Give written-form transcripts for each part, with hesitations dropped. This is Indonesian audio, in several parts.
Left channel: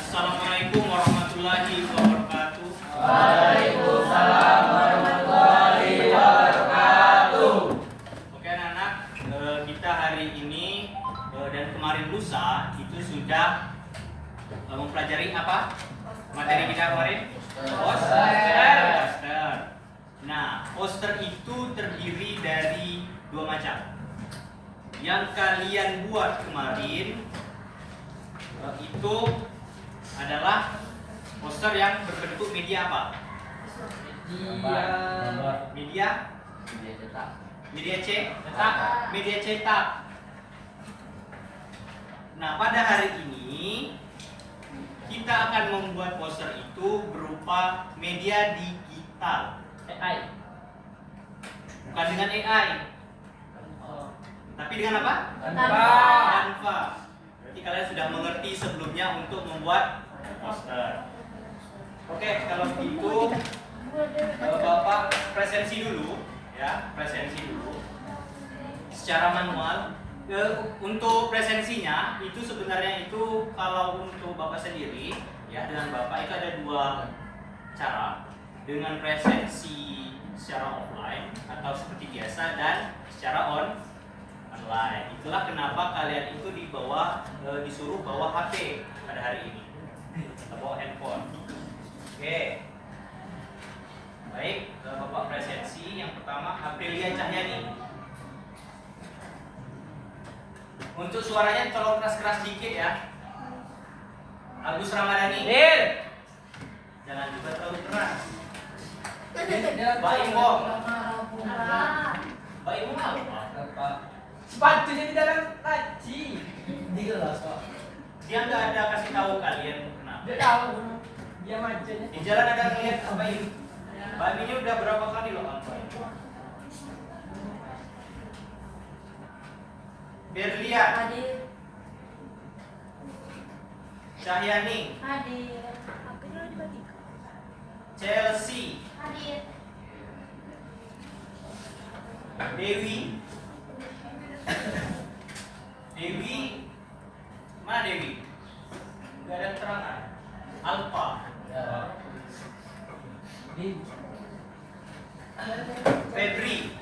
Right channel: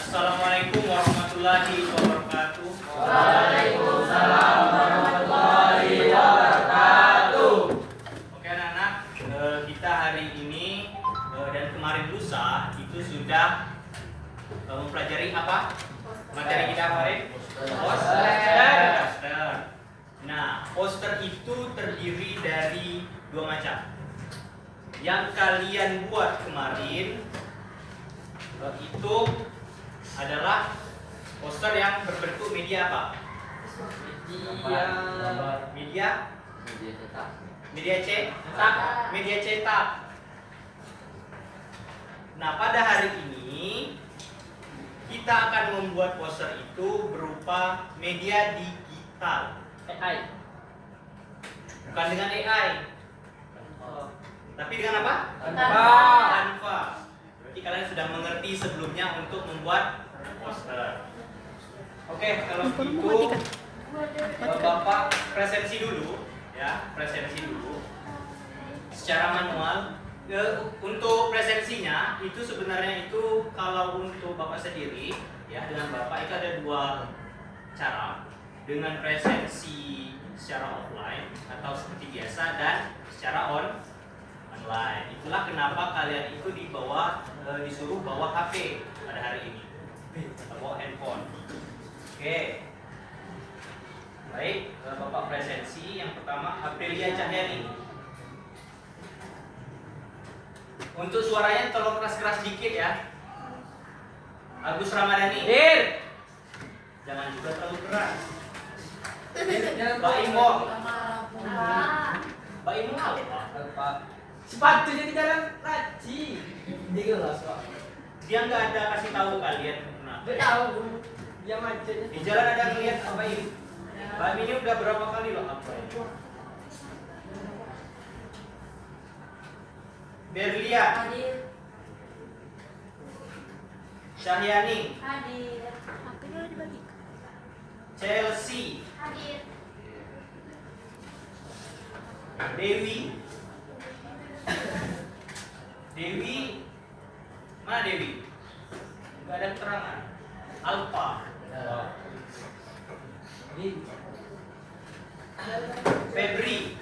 Assalamualaikum warahmatullahi wabarakatuh. Waalaikumsalam warahmatullahi wabarakatuh. Oke anak-anak, kita hari ini dan kemarin lusa itu sudah mempelajari apa? Materi kita kemarin? Poster. Nah, poster itu terdiri dari dua macam. Yang kalian buat kemarin itu adalah poster yang berbentuk media apa? Media cetak. Nah, pada hari ini kita akan membuat poster itu berupa media digital. AI. Bukan dengan AI. Tapi dengan apa? Canva. Berarti kalian sudah mengerti sebelumnya untuk membuat poster. Oke, kalau gitu Bapak presensi dulu ya, secara manual. Untuk presensinya itu sebenarnya itu kalau untuk Bapak sendiri ya, dengan Bapak itu ada dua cara. Dengan presensi secara offline atau seperti biasa dan secara online. Itulah kenapa kalian itu disuruh bawa HP pada hari ini, bawa handphone. Oke. Baik, Bapak presensi yang pertama Aprilia Cahyani. Untuk suaranya tolong keras-keras dikit ya. Agus Ramadhani. Jangan juga terlalu keras. Mbak Imong. Mbak Imong apa? Sepatunya di dalam kaji. Dia nggak ada kasih tahu kalian kenapa? Dia tahu. Dia macetnya. Di jalan ada ngeliat apa ini? Mbak ini udah berapa kali loh apa ini? Berlia. Hadir. Cahyani. Hadir. Chelsea. Hadir. Dewi. Mana Dewi? Gak ada keterangan. Alfa. Febri.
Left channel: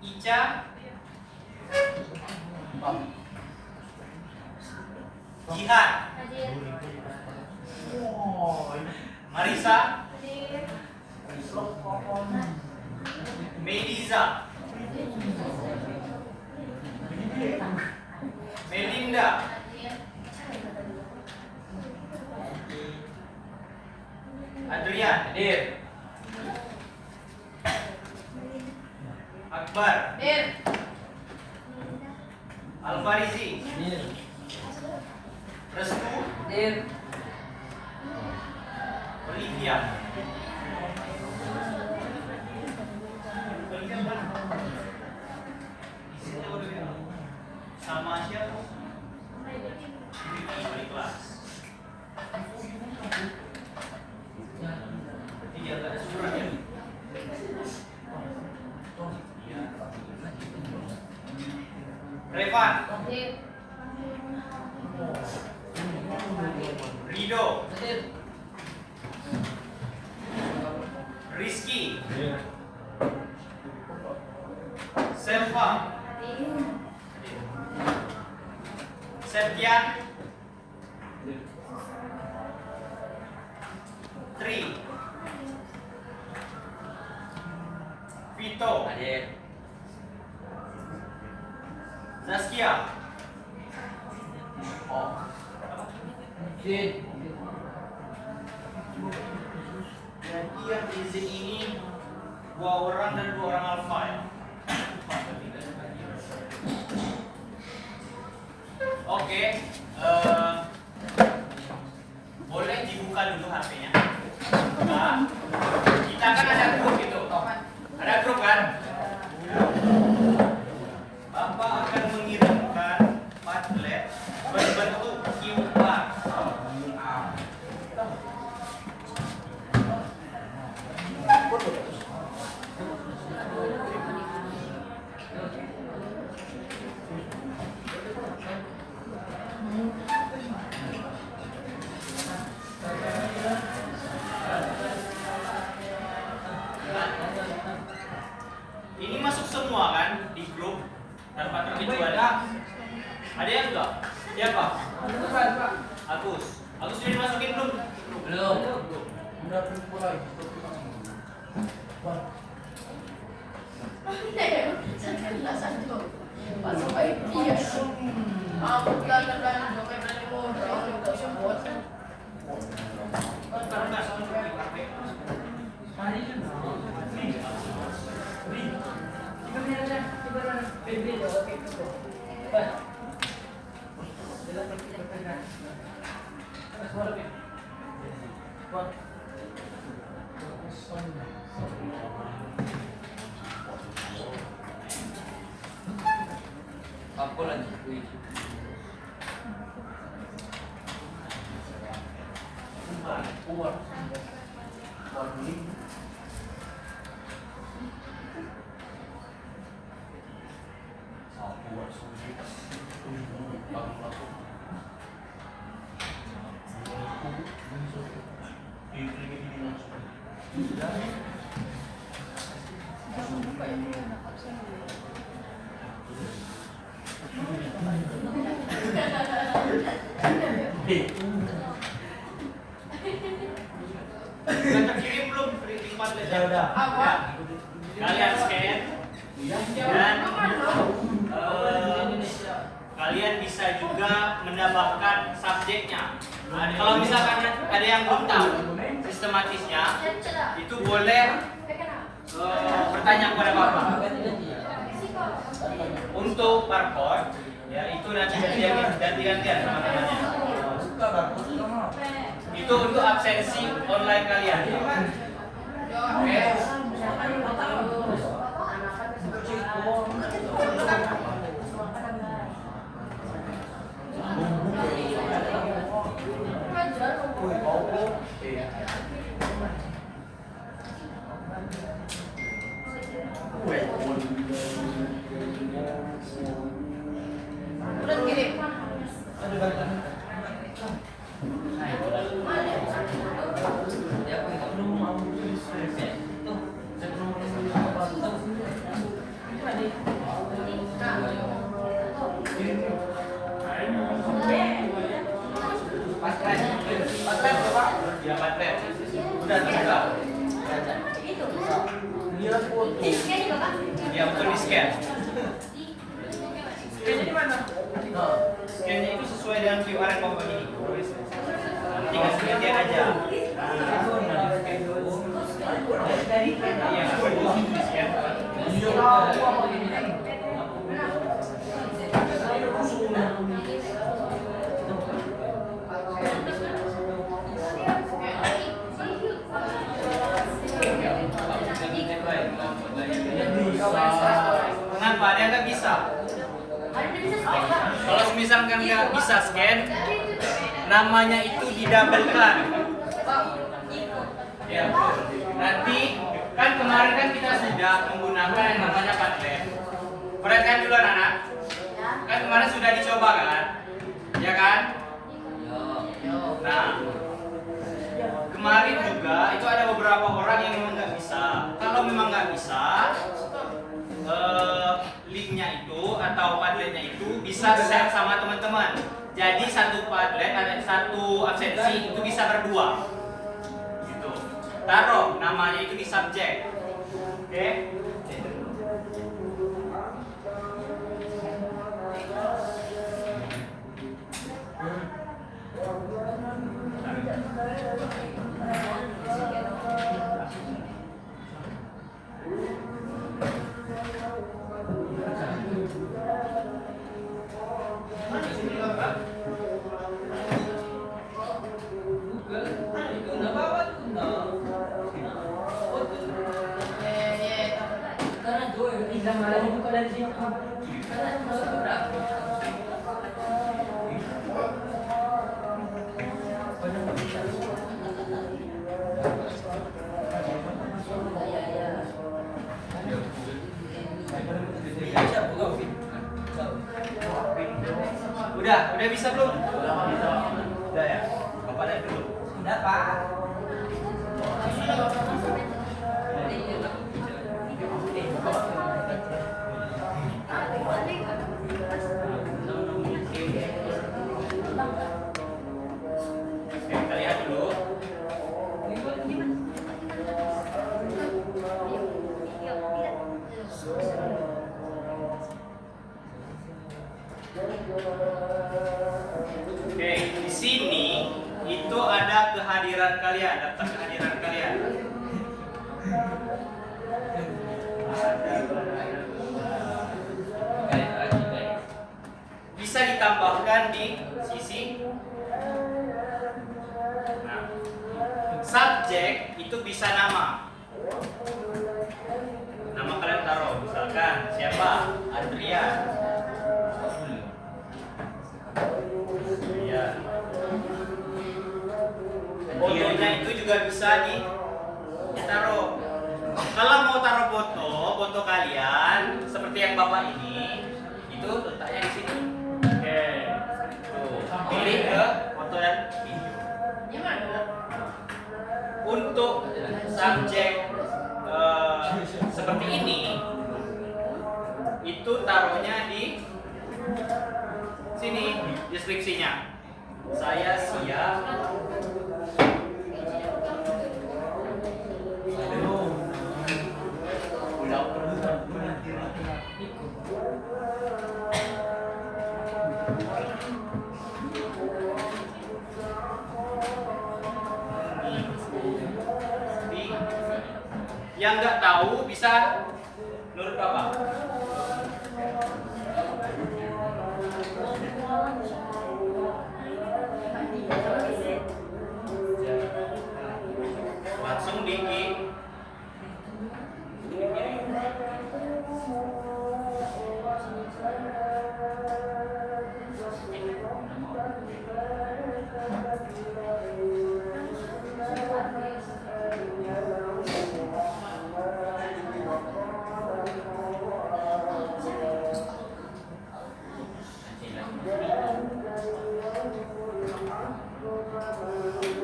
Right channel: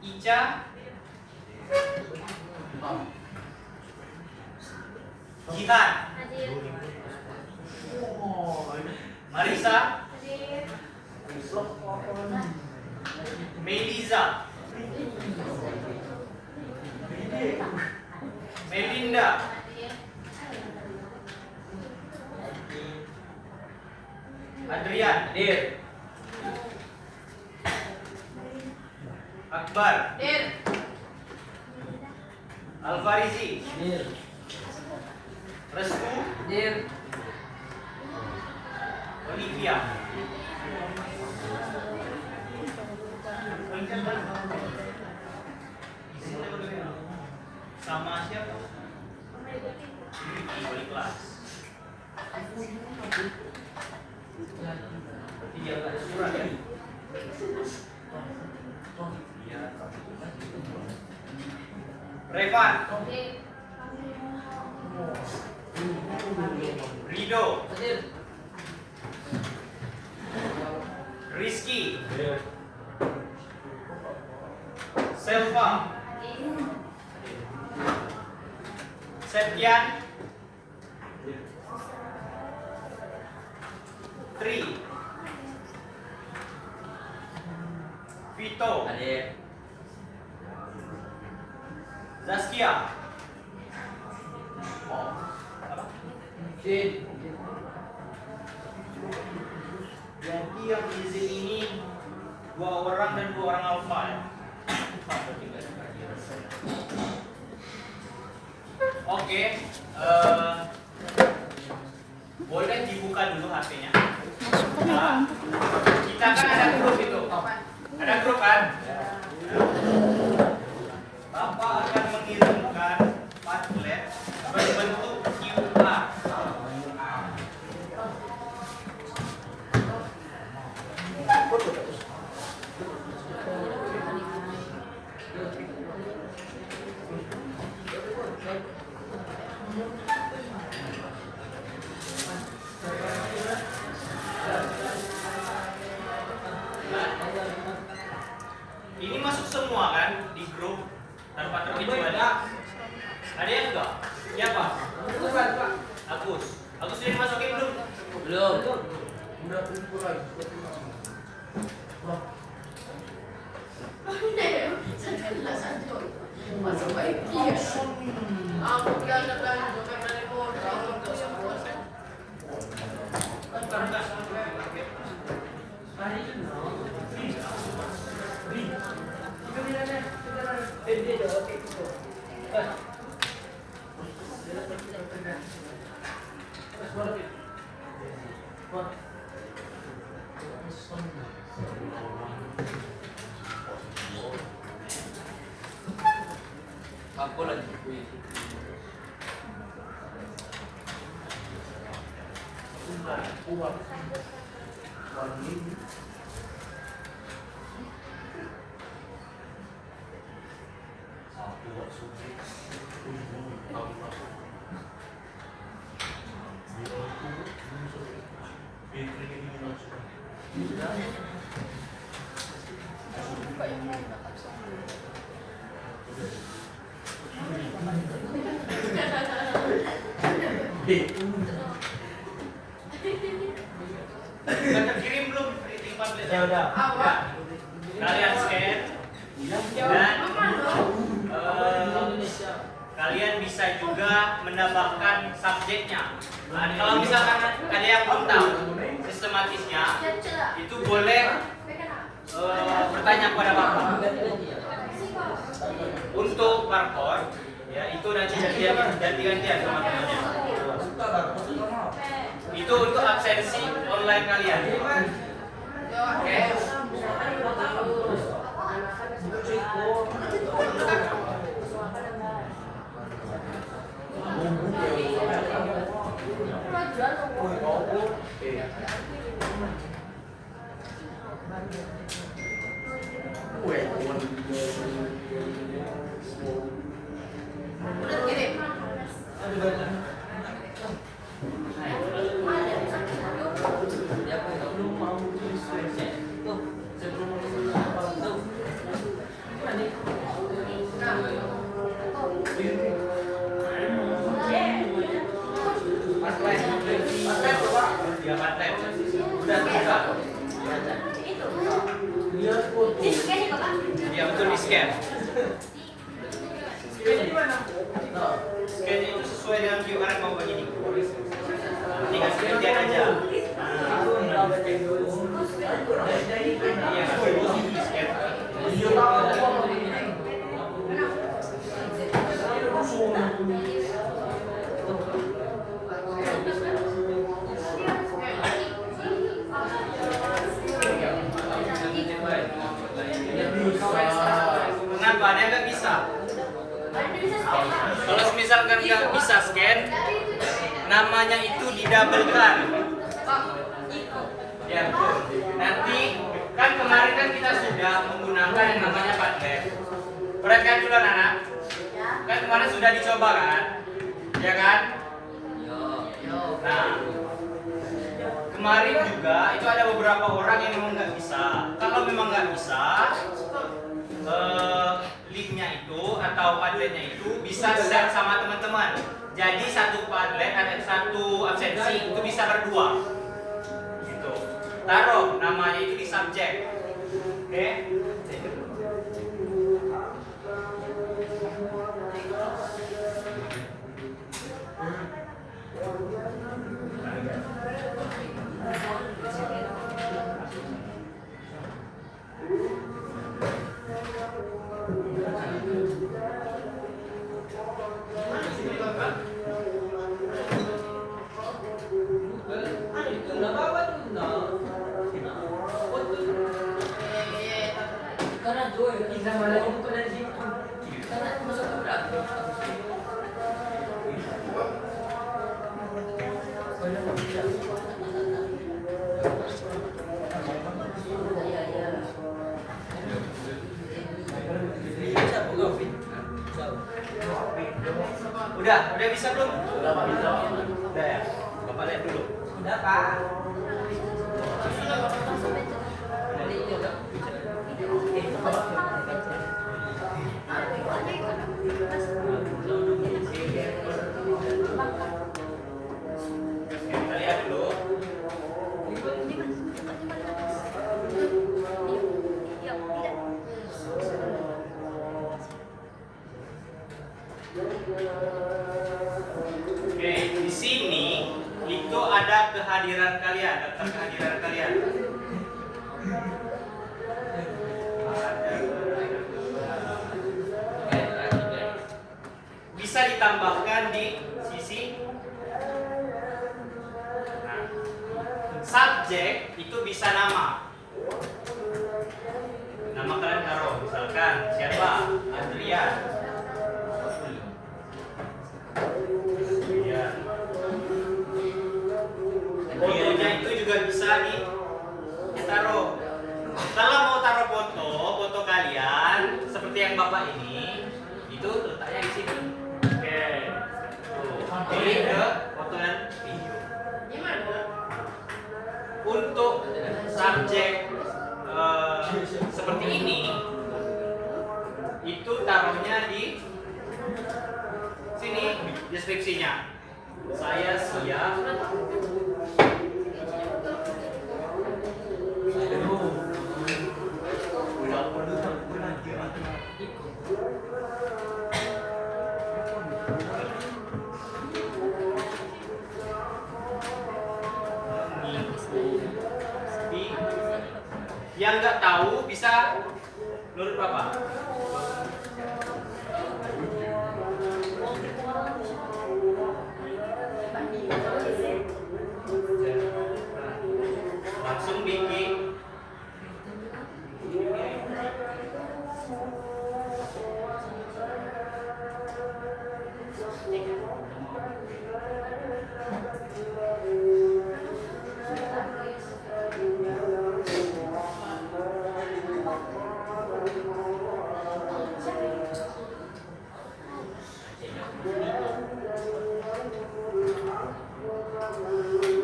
Ica. Jihan. Hadir. Marisa. Hadir. Meliza. Melinda. Hadir. Adrian. Akbar. Hadir. Alfarizi. Restu. Olivia. Sama siapa? Wali kelas. Berarti dia nggak ada surat ya? Revan. Hadir. Rido. Rizky. Selva. Septian. Tri. Vito. Zaskia. Jadi yang izin ini 2 orang dan 2 orang alfa ya. Oke, boleh dibuka dulu HP-nya. Nah, kita kan ada grup itu. Ada grup kan? Bapak akan mengirimkan Padlet berbentuk QR. Siapa? Bukan, Pak. Agus. Agus sudah dimasukin belum? Belum. Udah mulai. Apa lagi? Sudah terkirim belum printing pamflet? Ya udah. Ya. Kalian scan dan kalian bisa juga menambahkan subjeknya. Nah, kalau misalkan ada yang belum tahu sistematisnya, itu boleh bertanya kepada Bapak. Untuk barcode, ya itu nanti ganti-gantian sama temannya. Itu untuk absensi online kalian. Oke. Ya, paten. Udah juga. Lihat foto. Ya, betul di scan. Ini di mana? Scan-nya itu sesuai dengan QR yang mau begini. Tinggal gantian aja. Iya, itu di scan. Kenapa? Ada yang nggak bisa? Kalau misalkan nggak bisa scan, namanya itu didabelkan. Ya, nanti kan kemarin kan kita sudah menggunakan yang namanya Padlet. Perhatikan dulu anak. Kan kemarin sudah dicoba kan? Ya kan? Nah, kemarin juga itu ada beberapa orang yang memang nggak bisa. Kalau memang nggak bisa, linknya itu atau Padletnya itu bisa share sama teman-teman. Jadi satu Padlet ada satu absensi itu bisa berdua. Gitu. Taruh namanya itu di subjek. Oke? Udah bisa belum? Udah ya. Bapak lihat dulu. Udah, Pak. kalian, daftar kehadiran kalian. Bisa ditambahkan di sisi. Nah, subjek itu bisa nama. Nama kalian taruh, misalkan siapa? Adrian. Iya. Fotonya itu juga bisa ditaruh. Kalau mau taruh foto kalian seperti yang bapak ini, itu letaknya di sini. Oke. Tuh, pilih ke foto dan video. Untuk subjek seperti ini, itu taruhnya di sini deskripsinya. Saya siap. Yang nggak tahu bisa menurut Bapak. Langsung bikin.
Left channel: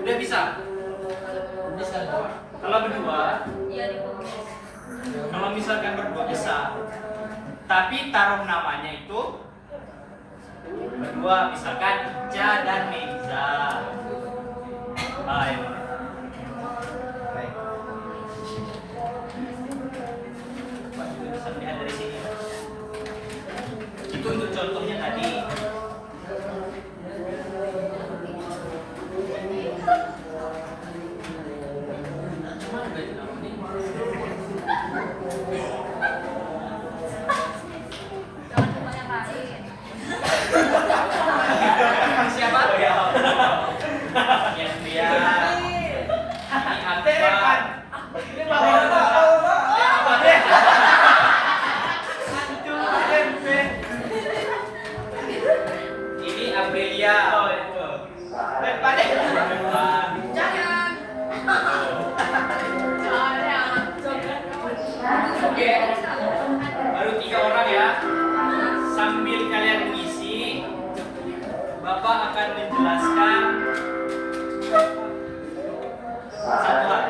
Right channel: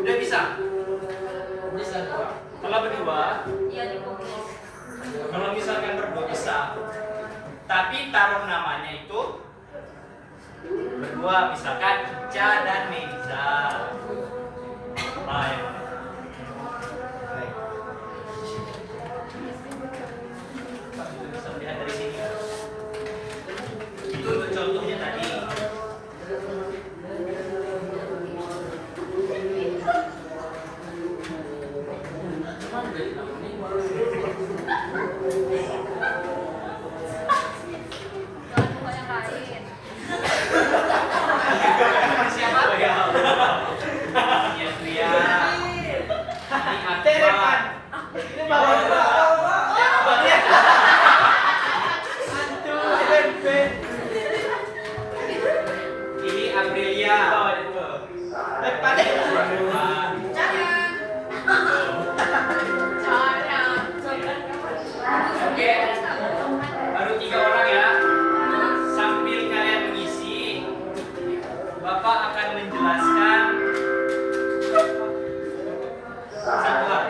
Udah bisa? Bisa Pak. Kalau berdua, kalau misalkan berdua bisa. Tapi taruh namanya itu berdua, misalkan Ica dan Meiza. Ayo. Itu bisa lihat dari sini. Itu untuk contohnya tadi. Siapa? Oh, ya. Yang dia. Ini apa? Ini bawa Ini Aprilia. Oke, baru 3 orang ya. Sambil kalian mengisi, Bapak akan menjelaskan satu hal.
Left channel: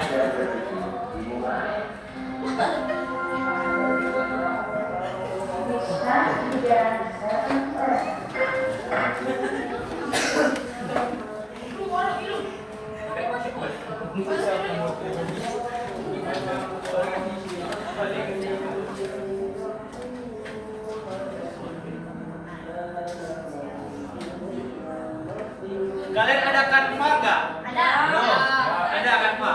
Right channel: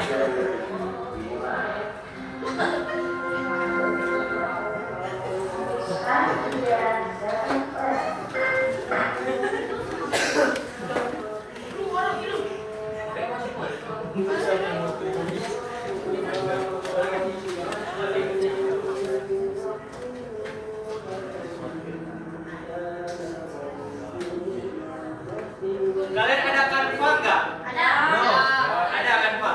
Kalian ada kanva nggak? Ada. Ada kanva?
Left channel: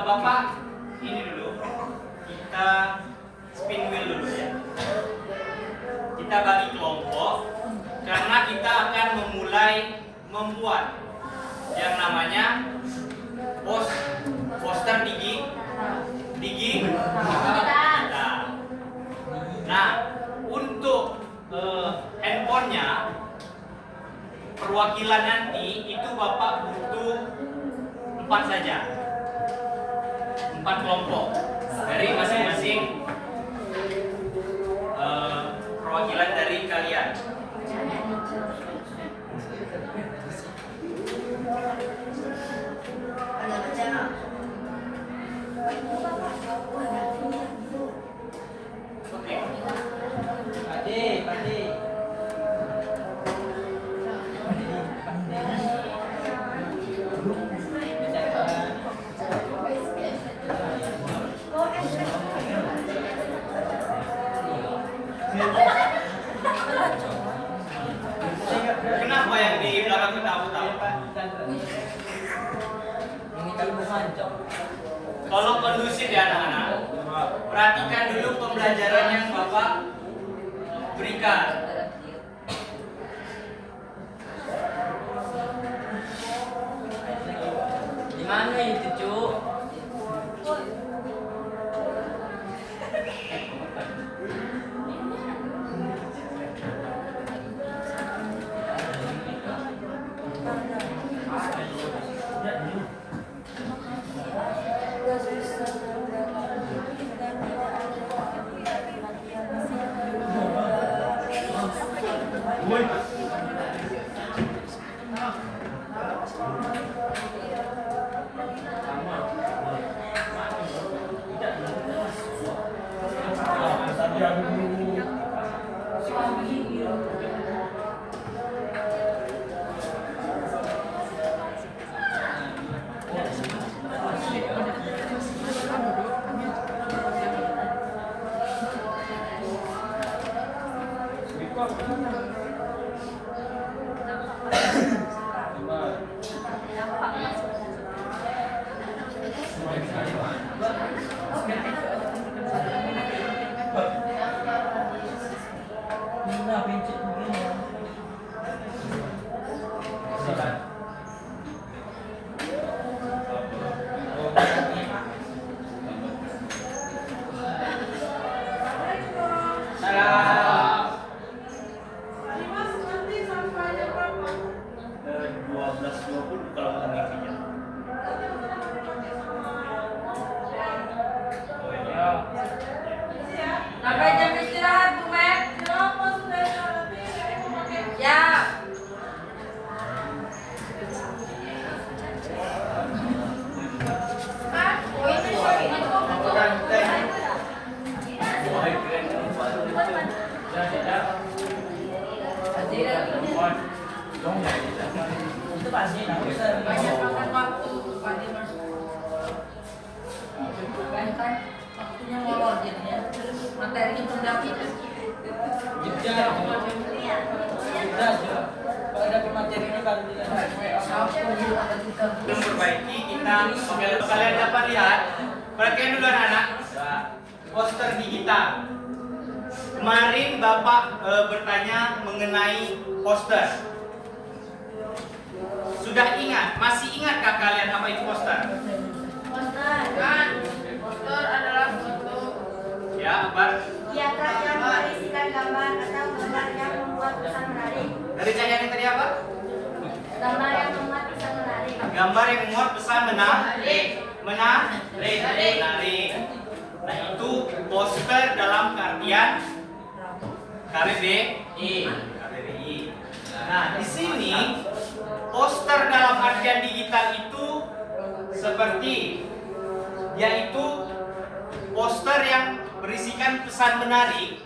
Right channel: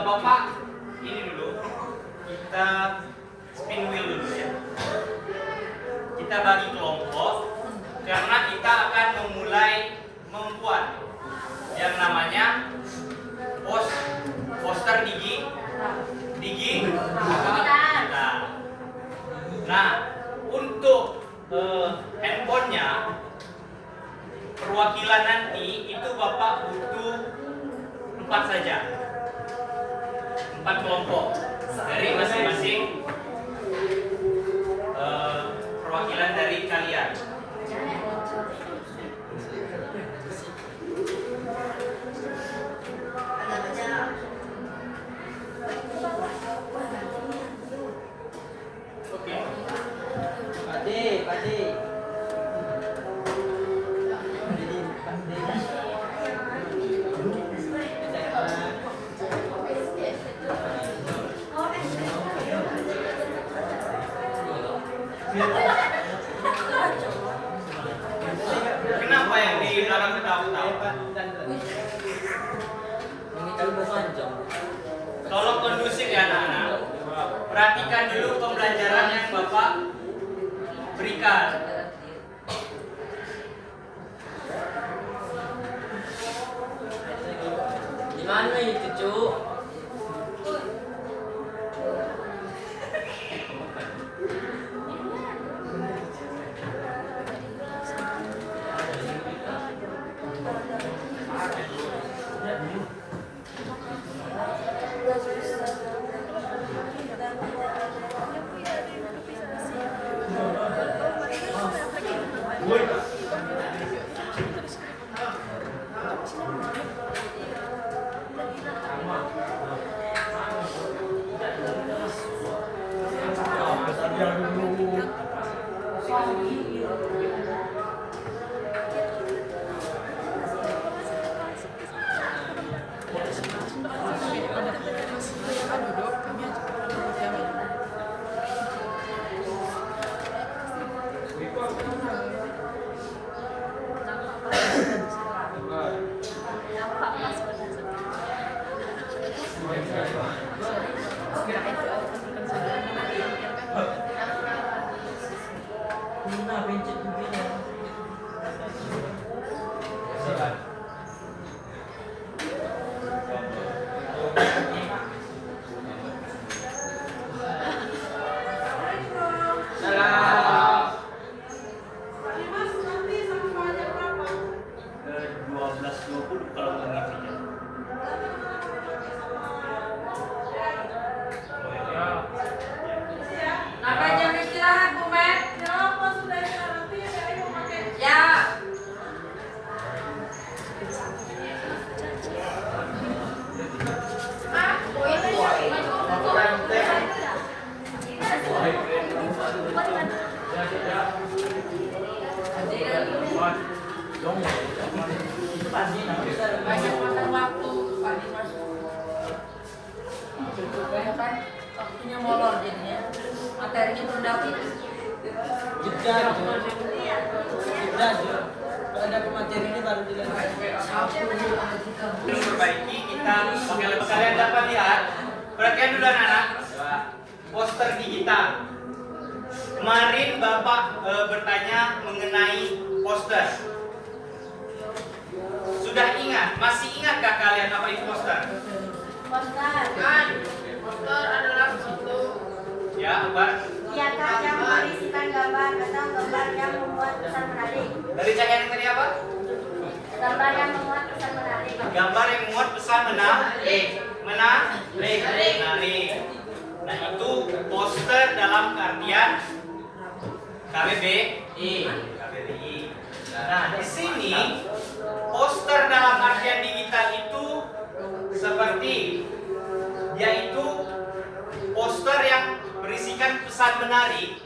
Bapak ini dulu, kita spin wheel dulu ya. Kita bagi kelompok karena kita akan memulai membuat yang namanya poster digging. Nah, untuk handphonenya perwakilan nanti itu Bapak butuh 4 saja. 4 kelompok dari masing-masing perwakilan dari kalian. Oke. Padi. Kenapa yang di belakang ketawa-ketawa. Ini kalau panjang. Tolong kondusif ya anak-anak. Perhatikan dulu pembelajaran yang Bapak berikan. Di mana itu, Cuk? Nah, pencet begini. Sampai jam istirahat, Bu Mek. Ya. Banyak makan waktu, Pak Dimas. Banyak kan waktunya molor jadinya. Materinya belum dapat. Kalau dapat materi ini baru Memperbaiki kita kalian dapat lihat. Perhatikan dulu anak-anak. Poster digital. Kemarin Bapak bertanya mengenai poster. Sudah ingat? Masih ingatkah kalian apa itu poster? Poster adalah suatu Ya, apa? Diagram yang berisikan gambar atau gambar yang membuat pesan menarik. Dari yang tadi apa? Gambar yang memuat pesan menarik. Gambar yang memuat pesan menarik. Menarik. Nah, itu poster dalam artian KBBI. Nah, di sini poster dalam artian digital itu seperti yaitu poster yang berisikan pesan menarik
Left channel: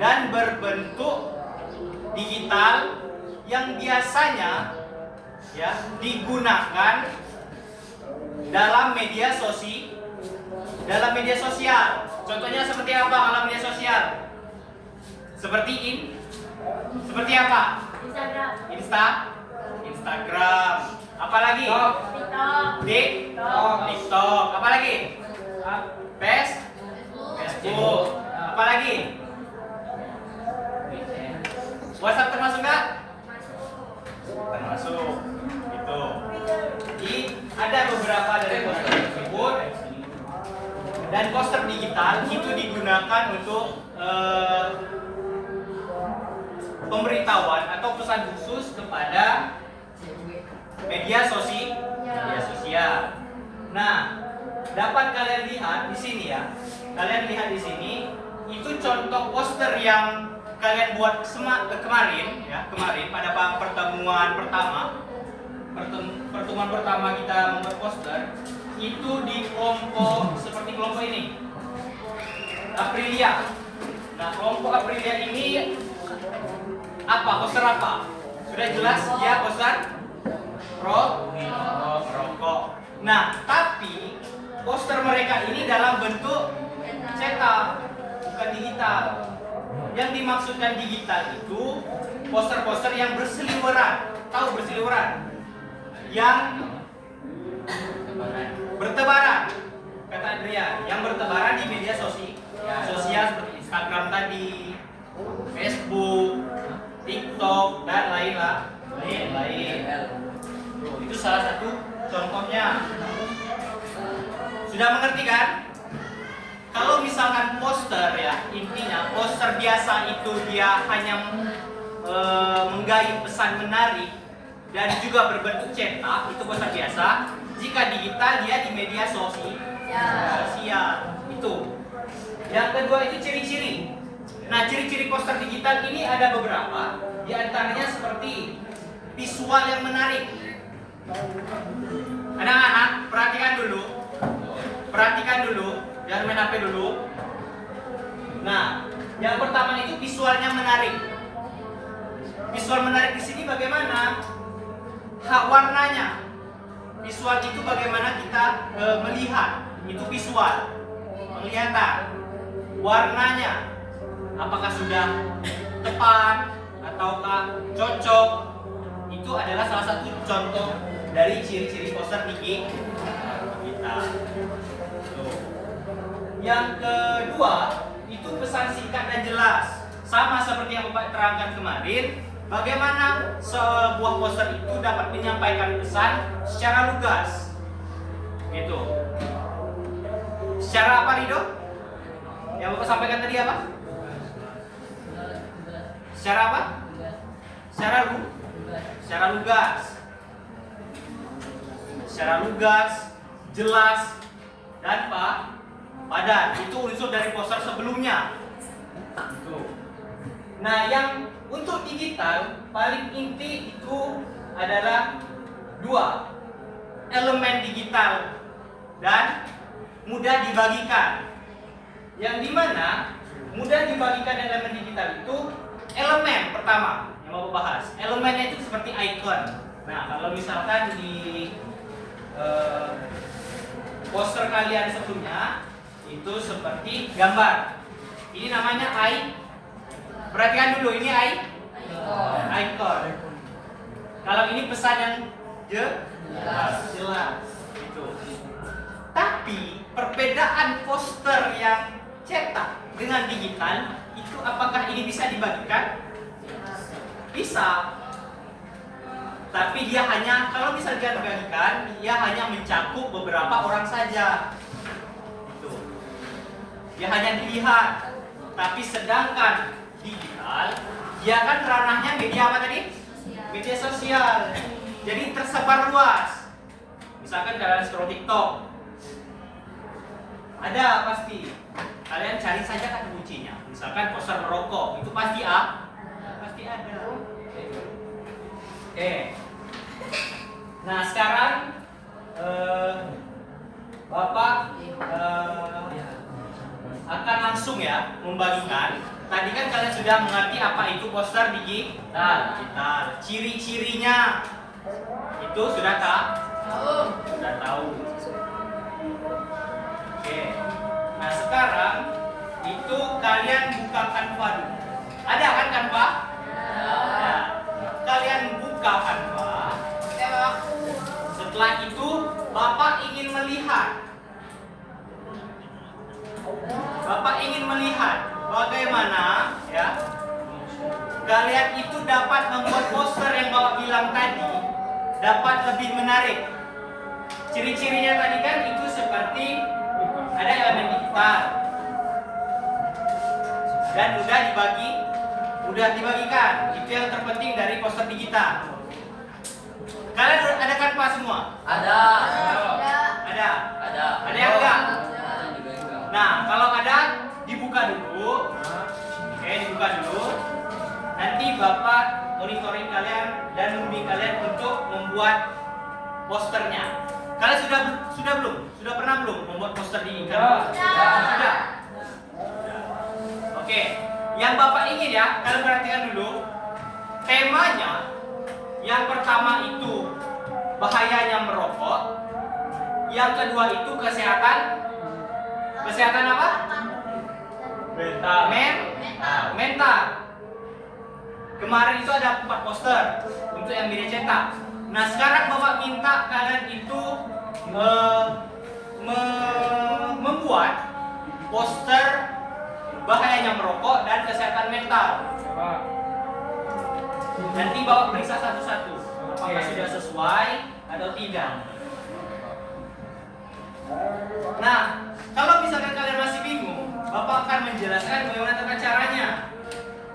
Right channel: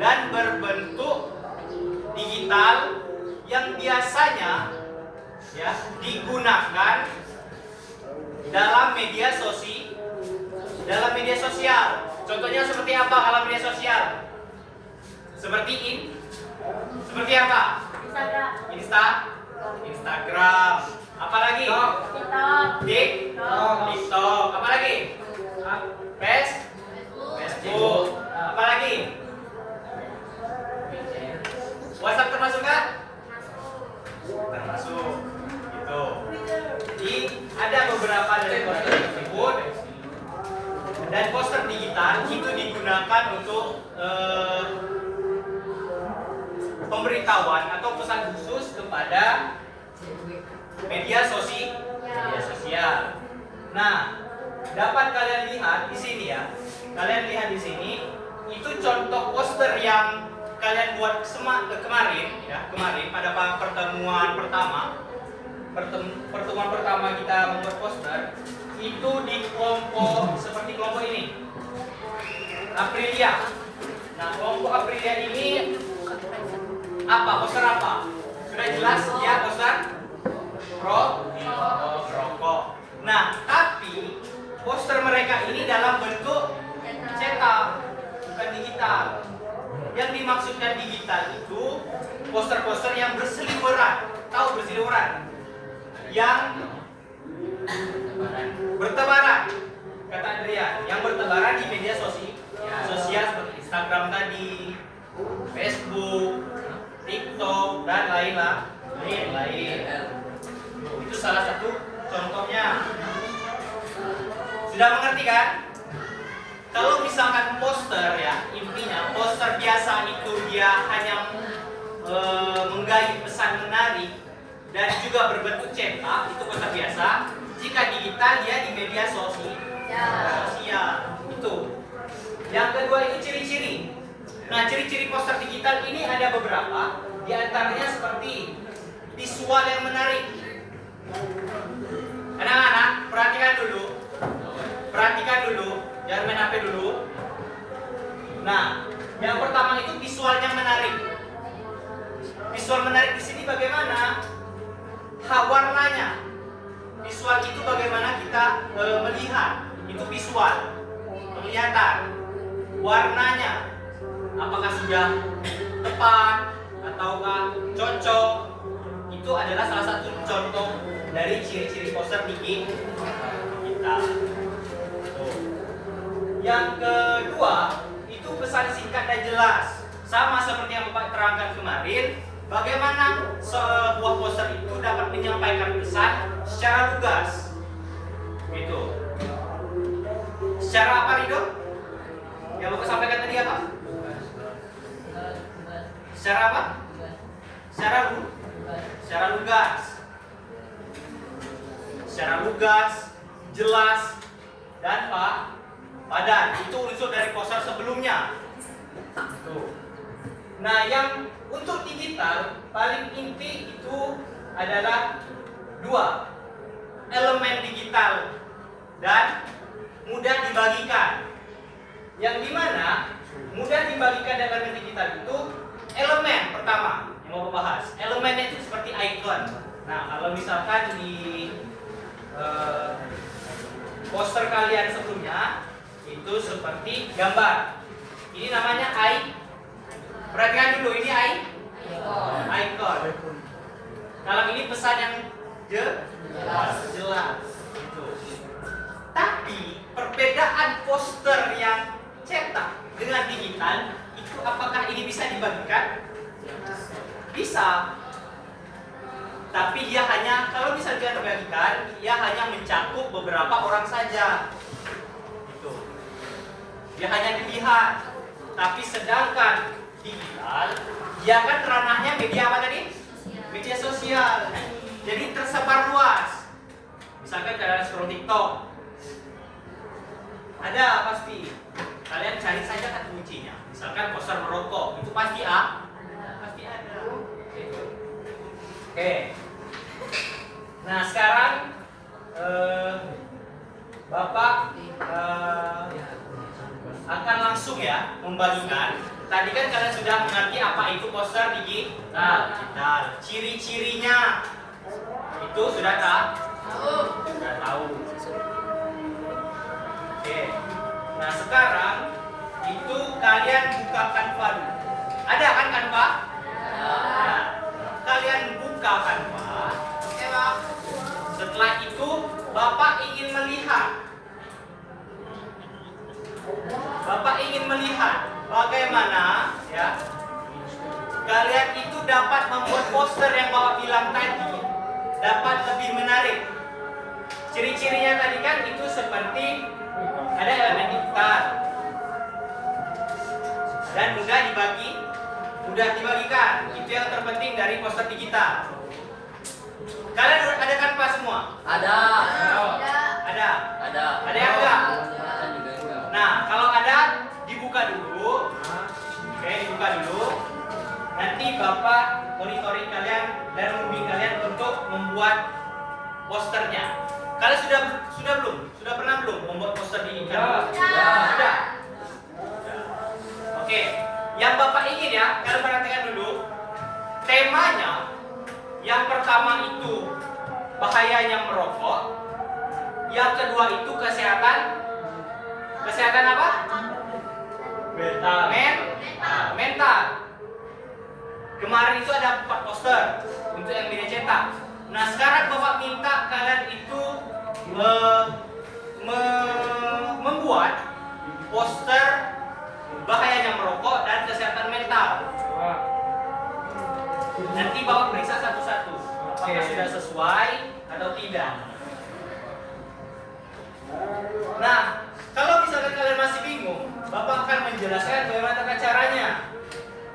dan berbentuk digital yang biasanya ya digunakan dalam media sosial. Contohnya seperti apa kalau media sosial? Seperti apa? Instagram. Apalagi? TikTok. Apalagi? Facebook. Apalagi? WhatsApp termasuk nggak? Termasuk. Gitu. Jadi ada beberapa dari poster tersebut dan poster digital itu digunakan untuk pemberitahuan atau pesan khusus kepada media sosial. Nah, dapat kalian lihat di sini ya. Kalian lihat di sini itu contoh poster yang kalian buat kemarin pada pertemuan pertama kita membuat poster itu di kelompok seperti kelompok ini Aprilia. Nah, kelompok Aprilia ini apa? Poster apa? Sudah jelas ya, poster rokok. Nah, tapi poster mereka ini dalam bentuk cetak, bukan digital. Yang dimaksudkan digital itu poster-poster yang berseliweran. Tahu berseliweran? Yang bertebaran. Kata Adrian, yang bertebaran di media sosial seperti Instagram tadi, Facebook, TikTok dan lain-lain. Itu salah satu contohnya. Sudah mengerti kan? Kalau misalkan poster ya, intinya poster biasa itu dia hanya menggait pesan menarik dan juga berbentuk cetak, itu poster biasa. Jika digital dia di media sosial. Itu. Yang kedua itu ciri-ciri. Nah, ciri-ciri poster digital ini ada beberapa. Di antaranya seperti visual yang menarik. Anak-anak, perhatikan dulu, jangan main HP dulu. Nah, yang pertama itu visualnya menarik. Visual menarik di sini bagaimana? Warnanya. Visual itu bagaimana kita melihat. Itu visual, penglihatan. Warnanya, apakah sudah tepat ataukah cocok? Itu adalah salah satu contoh dari ciri-ciri poster kita. Yang kedua itu pesan singkat dan jelas. Sama seperti yang Bapak terangkan kemarin, bagaimana sebuah poster itu dapat menyampaikan pesan secara lugas. Gitu. Secara apa, Rido? Yang Bapak sampaikan tadi apa? Secara apa? Secara lugas. Secara lugas, jelas, dan padan. Itu unsur dari poster sebelumnya. Tuh. Nah, yang untuk digital paling inti itu adalah dua elemen digital dan mudah dibagikan. Yang dimana mudah dibagikan elemen digital itu elemen pertama yang mau bahas. Elemennya itu seperti icon. Nah, kalau misalkan di poster kalian sebelumnya itu seperti gambar. Ini namanya perhatikan dulu, ini icon. Kalau ini pesan yang jelas. Gitu. Tapi perbedaan poster yang cetak dengan digital itu apakah ini bisa dibagikan? Bisa. Tapi dia hanya, kalau bisa dibagikan, dia hanya mencakup beberapa orang saja. Itu. Dia hanya dilihat. Tapi sedangkan digital, dia kan ranahnya media apa tadi? Media sosial. Jadi tersebar luas. Misalkan kalian scroll TikTok, ada pasti. Kalian cari saja kan kuncinya. Misalkan poster merokok, itu pasti pasti ada. Oke. Nah, sekarang Bapak akan langsung ya membagikan. Tadi kan kalian sudah mengerti apa itu poster digital. Ciri-cirinya itu sudah tahu. Oke. Nah, sekarang itu kalian buka Canva dulu. Ada kan Canva? Nah, kalian buka Canva. Setelah itu Bapak ingin melihat bagaimana ya kalian itu dapat membuat poster yang Bapak bilang tadi dapat lebih menarik. Ciri-cirinya tadi kan itu seperti ada elemen digital dan mudah dibagikan. Itu yang terpenting dari poster digital. Kalian ada Canva semua? Ada yang enggak? Nah, kalau ada dibuka dulu. Oke, dibuka dulu. Nanti Bapak monitoring kalian dan membimbing kalian untuk membuat posternya. Kalian sudah belum? Sudah pernah belum membuat poster di Canva? Sudah. Oke, yang Bapak ingin ya, kalian perhatikan dulu. Temanya yang pertama itu bahayanya merokok. Yang kedua itu kesehatan apa? Mental. Kemarin itu ada 4 poster untuk yang media cetak. Nah sekarang Bapak minta kalian itu membuat poster bahayanya merokok dan kesehatan mental. Nanti Bapak periksa satu-satu apakah sudah sesuai atau tidak. Nah, kalau misalkan kalian masih bingung, Bapak akan menjelaskan bagaimana tata caranya.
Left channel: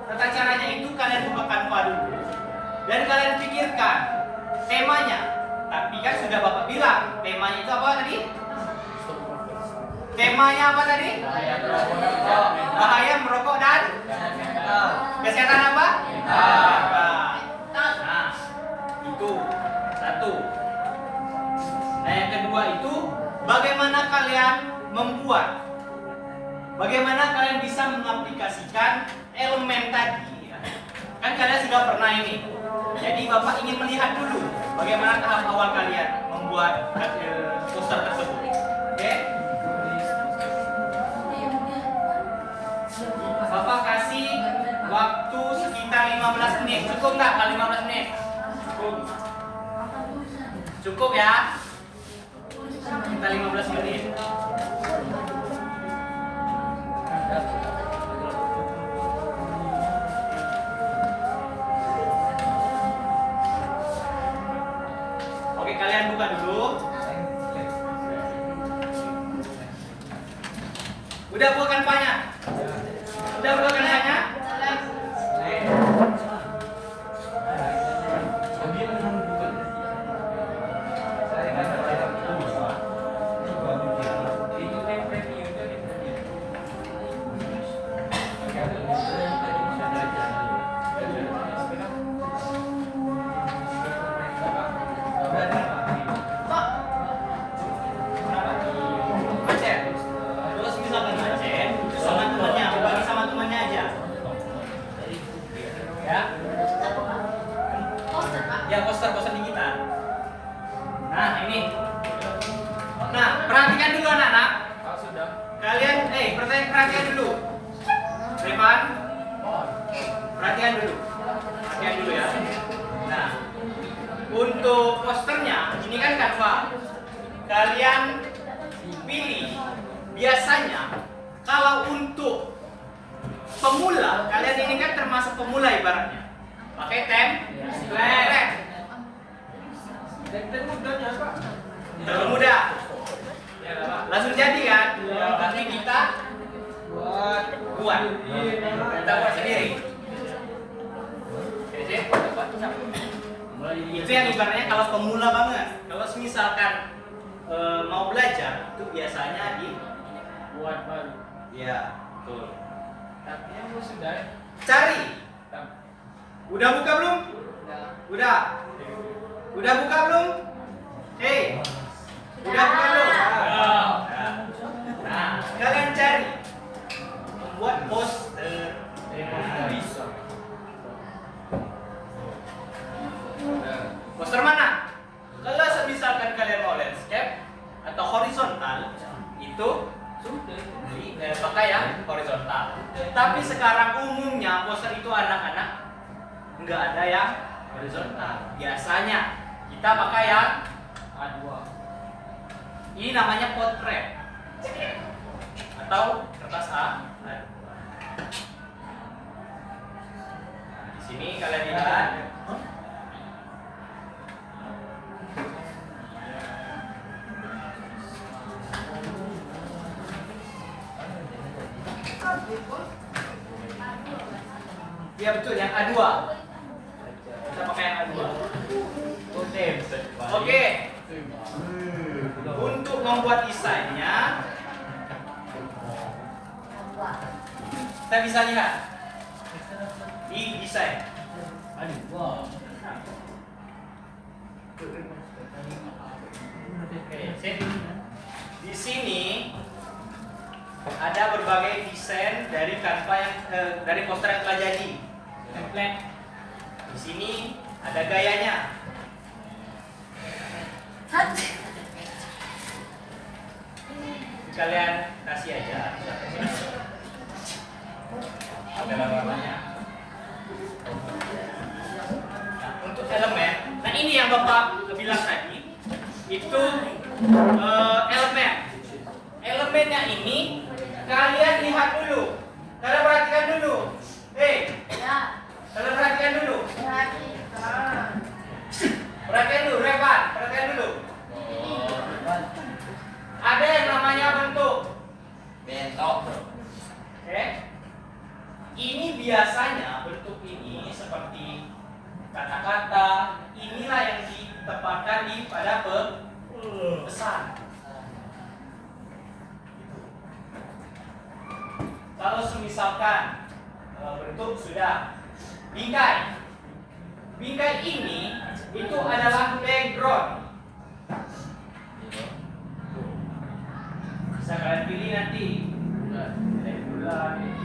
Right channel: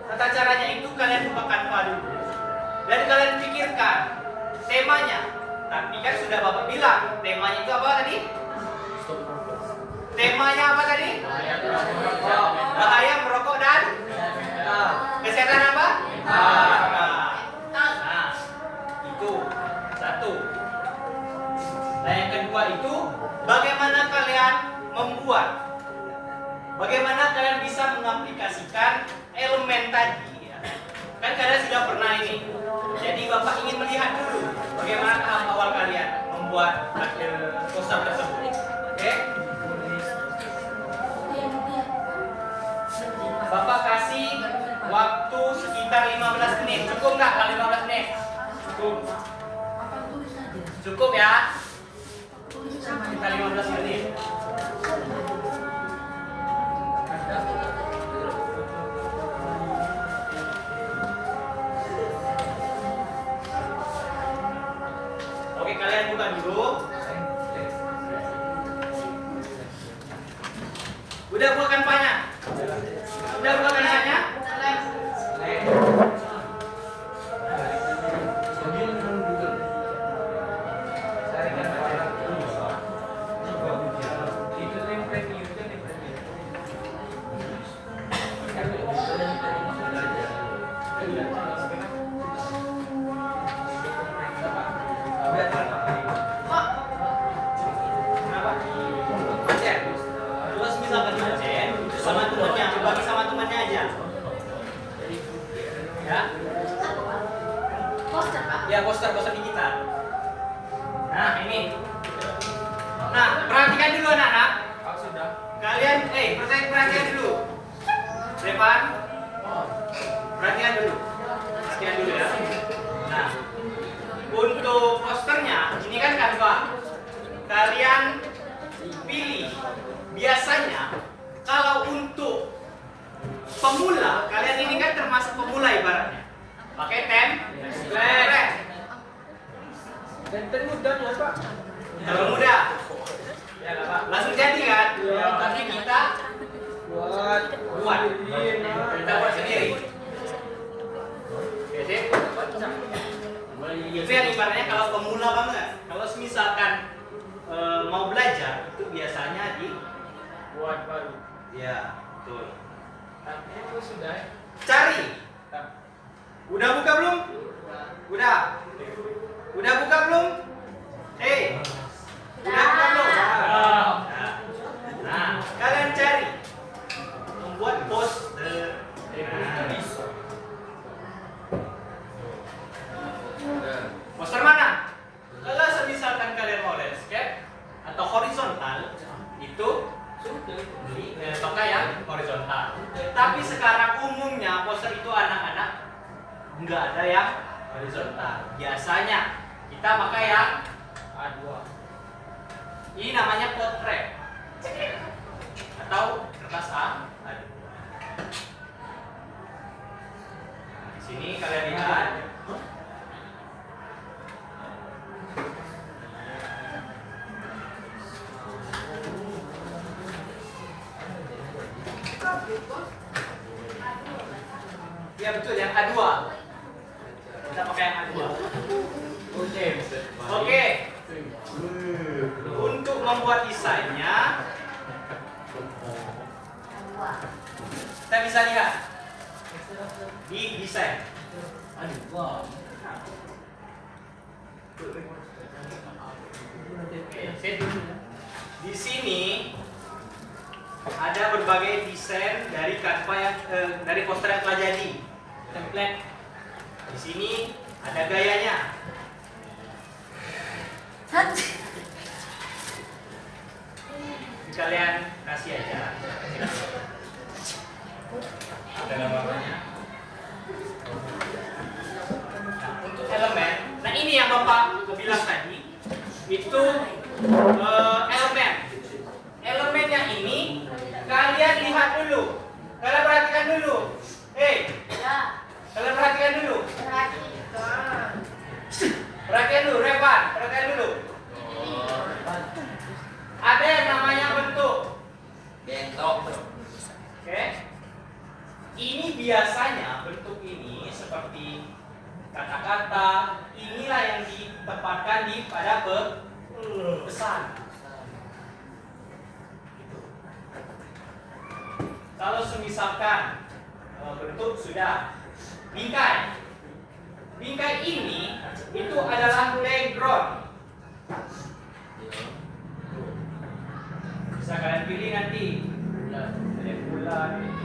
Tata caranya itu kalian buka Canva dulu dan kalian pikirkan temanya. Tapi kan sudah Bapak bilang, temanya itu apa tadi? Temanya apa tadi? Bahaya merokok dan kesehatan apa? Nah, itu satu. Nah, yang kedua itu bagaimana kalian membuat, bagaimana kalian bisa mengaplikasikan elemen tadi ya. Kan kalian sudah pernah ini. Jadi Bapak ingin melihat dulu bagaimana tahap awal kalian membuat poster tersebut. Oke? Bapak kasih waktu sekitar 15 menit. Cukup nggak kalau 15 menit? Cukup ya? Kita 15 menit. Oke, kalian buka dulu. Udah buka Canva-nya? Udah buka Canva-nya? Ya, poster digital. Nah, ini. Nah, perhatikan dulu anak-anak. Kalian, perhatikan dulu. Revan, perhatikan dulu. Perhatikan dulu ya. Nah, untuk posternya, ini kan Canva. Kalian pilih. Biasanya, kalau untuk pemula, kalian ini kan termasuk pemula ibaratnya. Pakai template. Dan mudahnya Pak. Terlalu mudah. Ya, Pak. Langsung jadi kan? Ya. Tapi kita buat. Kita buat sendiri. Oke, itu yang ibaratnya kalau pemula banget. Kalau misalkan mau belajar, itu biasanya Buat baru. ya, betul. Tapi apa sudah? Cari. Udah buka belum? Udah. Udah buka belum? Udah buka belum? Nah, kalian cari membuat poster. Poster mana? Kalau misalkan kalian mau landscape atau horizontal, itu kalian pakai yang horizontal. Tapi sekarang umumnya poster itu anak-anak nggak ada yang horizontal. Biasanya kita pakai yang A2. Ini namanya potret atau kertas A2. Di sini kalian lihat. Ya betul, yang A2. Kita pakai yang A2. Oke. Untuk membuat desainnya, kita bisa lihat di desain. Di sini ada berbagai desain dari Canva yang dari poster yang telah jadi. Template. Di sini ada gayanya. Kalian kasih aja. Ada namanya. Bapak bilang tadi itu elemen. Elemennya ini kalian lihat dulu. Kalian perhatikan dulu. Ya, Kalian perhatikan dulu. perhatikan. Perhatikan dulu, Revan. Perhatikan dulu. Ada yang namanya bentuk. Bentok. Oke. Ini biasanya bentuk ini seperti kata-kata, inilah yang ditempatkan di pada pesan. Kalau semisalkan bentuk sudah bingkai. Bingkai ini itu adalah background. Bisa kalian pilih nanti. Ada bulan ini.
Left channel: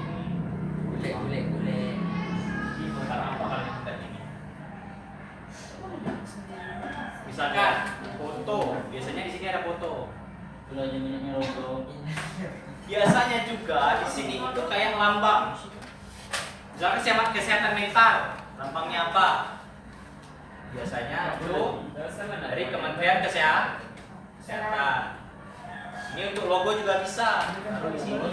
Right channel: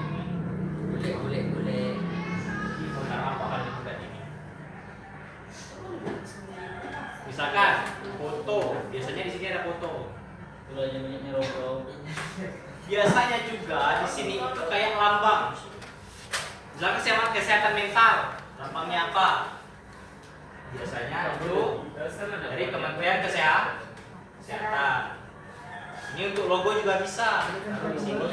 Boleh. Ini bentar apa kalian kita ini? Misalkan foto, biasanya di sini ada foto. Biasanya juga di sini itu kayak lambang. Misalkan kesehatan mental, lambangnya apa? Biasanya itu dari Kementerian Kesehatan. Ini untuk logo juga bisa. Ada di sini.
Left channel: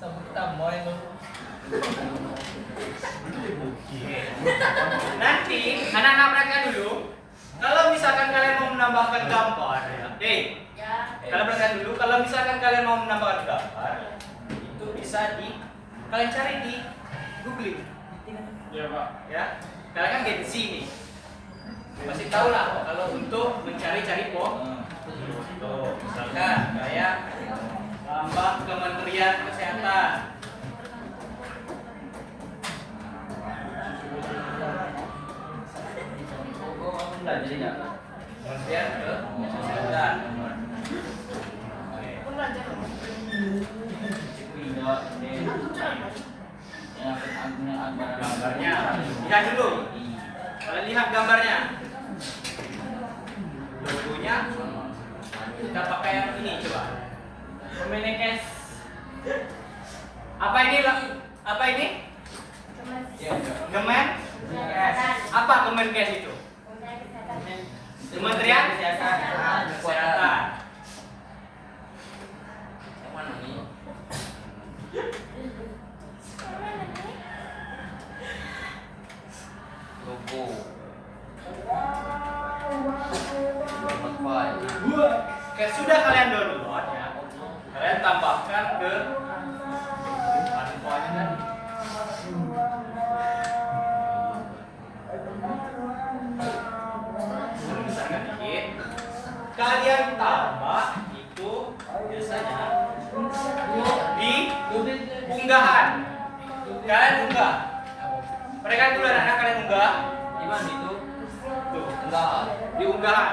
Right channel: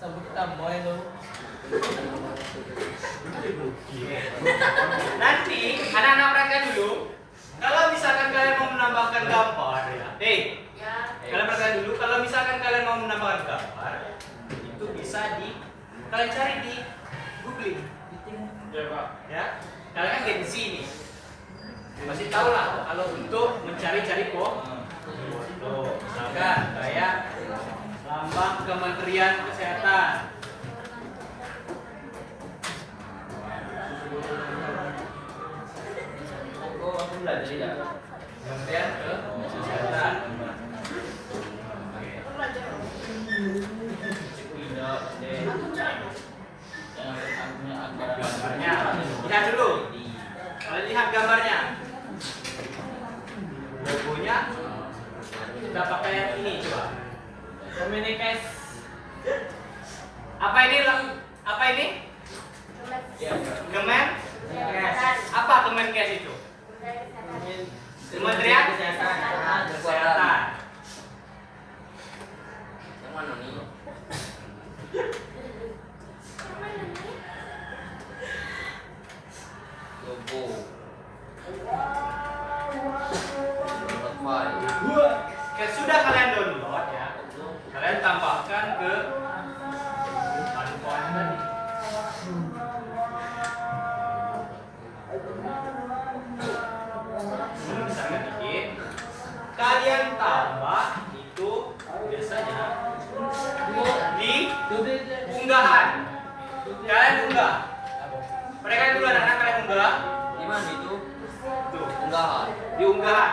Sabuk tamboy lo. Nanti anak-anak mereka dulu, kalau misalkan kalian mau menambahkan gambar ya, kalian perhatikan dulu, kalau misalkan kalian mau menambahkan gambar, itu bisa kalian cari di Google, Ya Pak. ya. Kalian kan get di sini, pasti tahu lah kalau untuk mencari-cari foto, misalkan kayak lambang Kementerian Kesehatan. Aku belajar ya. Kementerian Kesehatan. Gambarnya, lihat dulu. Kalian lihat gambarnya. Logonya kita pakai yang ini coba. Kemenkes. Apa ini? Apa ini? Kemenkes. Apa Kemenkes itu? Kementerian Kesehatan. Yang mana nih? Logo. Oke, sudah kalian download ya. Kalian tambahkan ke bahan tadi. Misalkan dikit. Kalian tambah itu biasanya di unggahan. Kalian unggah. Mereka dulu anak-anak kalian unggah. Di mana itu? Tuh, Enggak. di unggahan.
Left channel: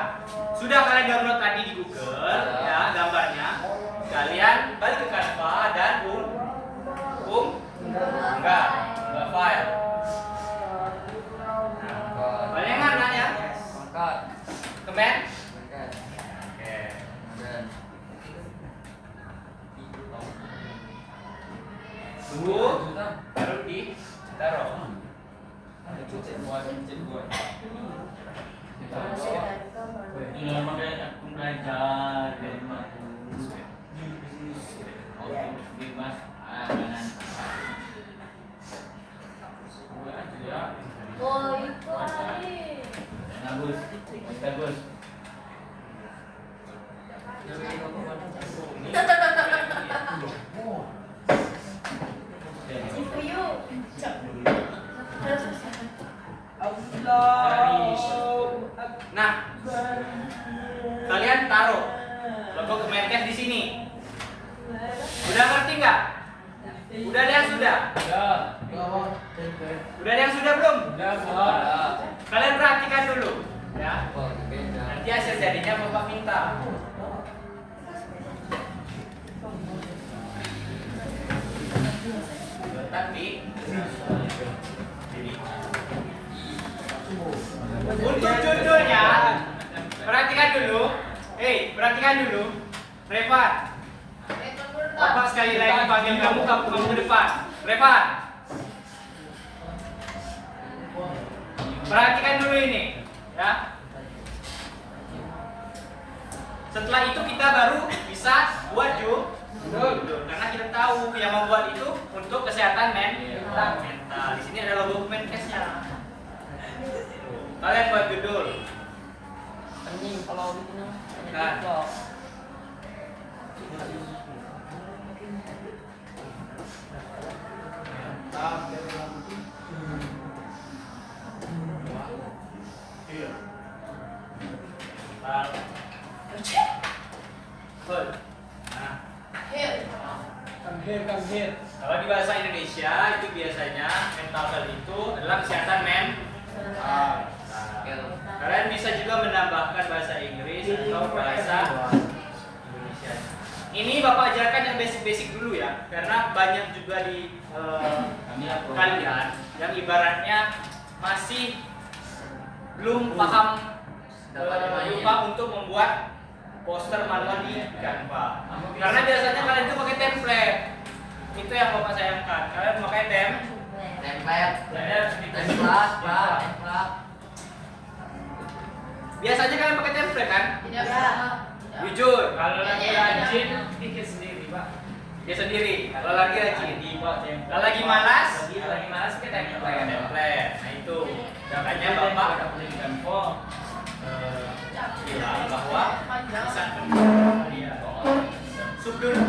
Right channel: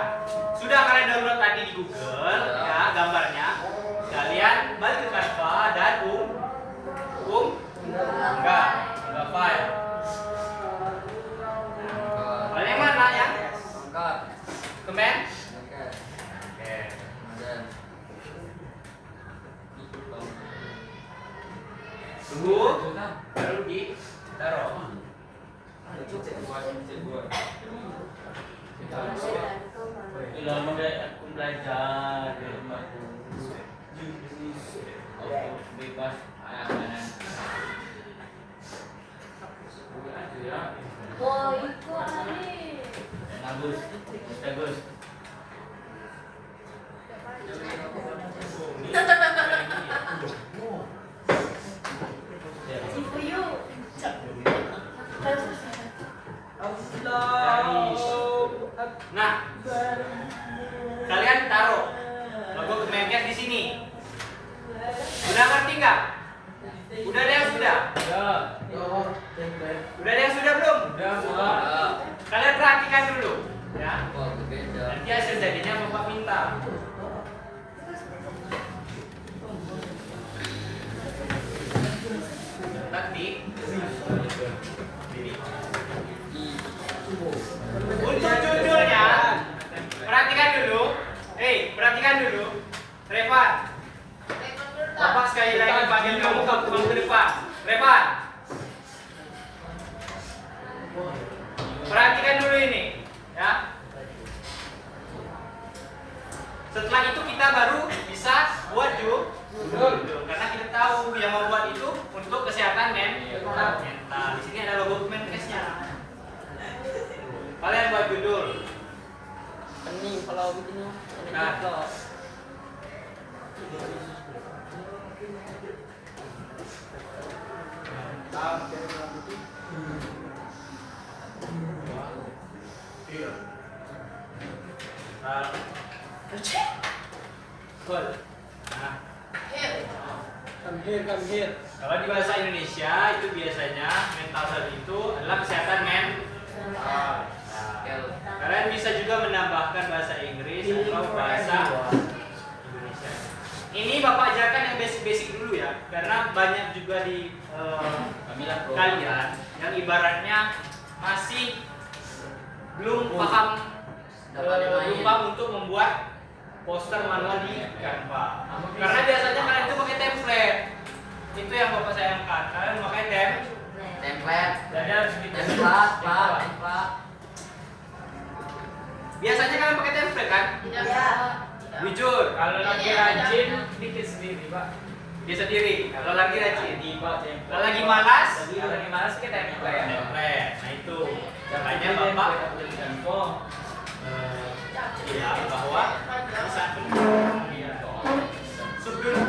Sudah kalian download tadi di Google ya gambarnya. Kalian balik ke Canva dan unggah file. File yang mana ya? Angkat. Kemen? Angkat. Oke. Dan Tunggu, baru ditaruh. Lama deh aku belajar di rumah bebas ayam gue aja ya. Oh, itu tadi. Bagus, bagus. CPU. Nah, kalian taruh logo Kemenkes di sini. Udah ngerti nggak? Udah ada yang sudah? Udah ada yang sudah belum? Udah buat. Kalian perhatikan dulu, ya. oh, beda. Nanti hasil jadinya Bapak minta. Letak di sini. Untuk judulnya, perhatikan dulu. Perhatikan dulu. Revan, Bapak sekali lagi panggil kamu ke depan. Revan. Perhatikan dulu ini, ya. Setelah itu kita baru bisa buat karena kita tahu yang membuat itu untuk kesehatan mental. Di sini ada logo Kemenkesnya. Kalian buat judul. Pening kalau bikin Nah. kok. Nah, kalau di bahasa Indonesia itu biasanya mental health itu adalah kesehatan mental. Kalian bisa juga menambahkan bahasa Inggris atau bahasa Indonesia. Ini Bapak ajarkan yang basic-basic dulu ya, karena banyak juga di kalian yang ibaratnya masih belum paham untuk membuat poster manual di Canva. Karena biasanya kalian itu pakai template. Itu yang Bapak sayangkan. Kalian pakai Template. Jadi harus Template, Pak. Biasanya kalian pakai template kan? Ya. Jujur. Kalau lagi rajin bikin sendiri, Pak. Dia sendiri. Kalau lagi rajin. Kalau lagi malas ke template. Nah itu. Makanya Bapak bilang bahwa bisa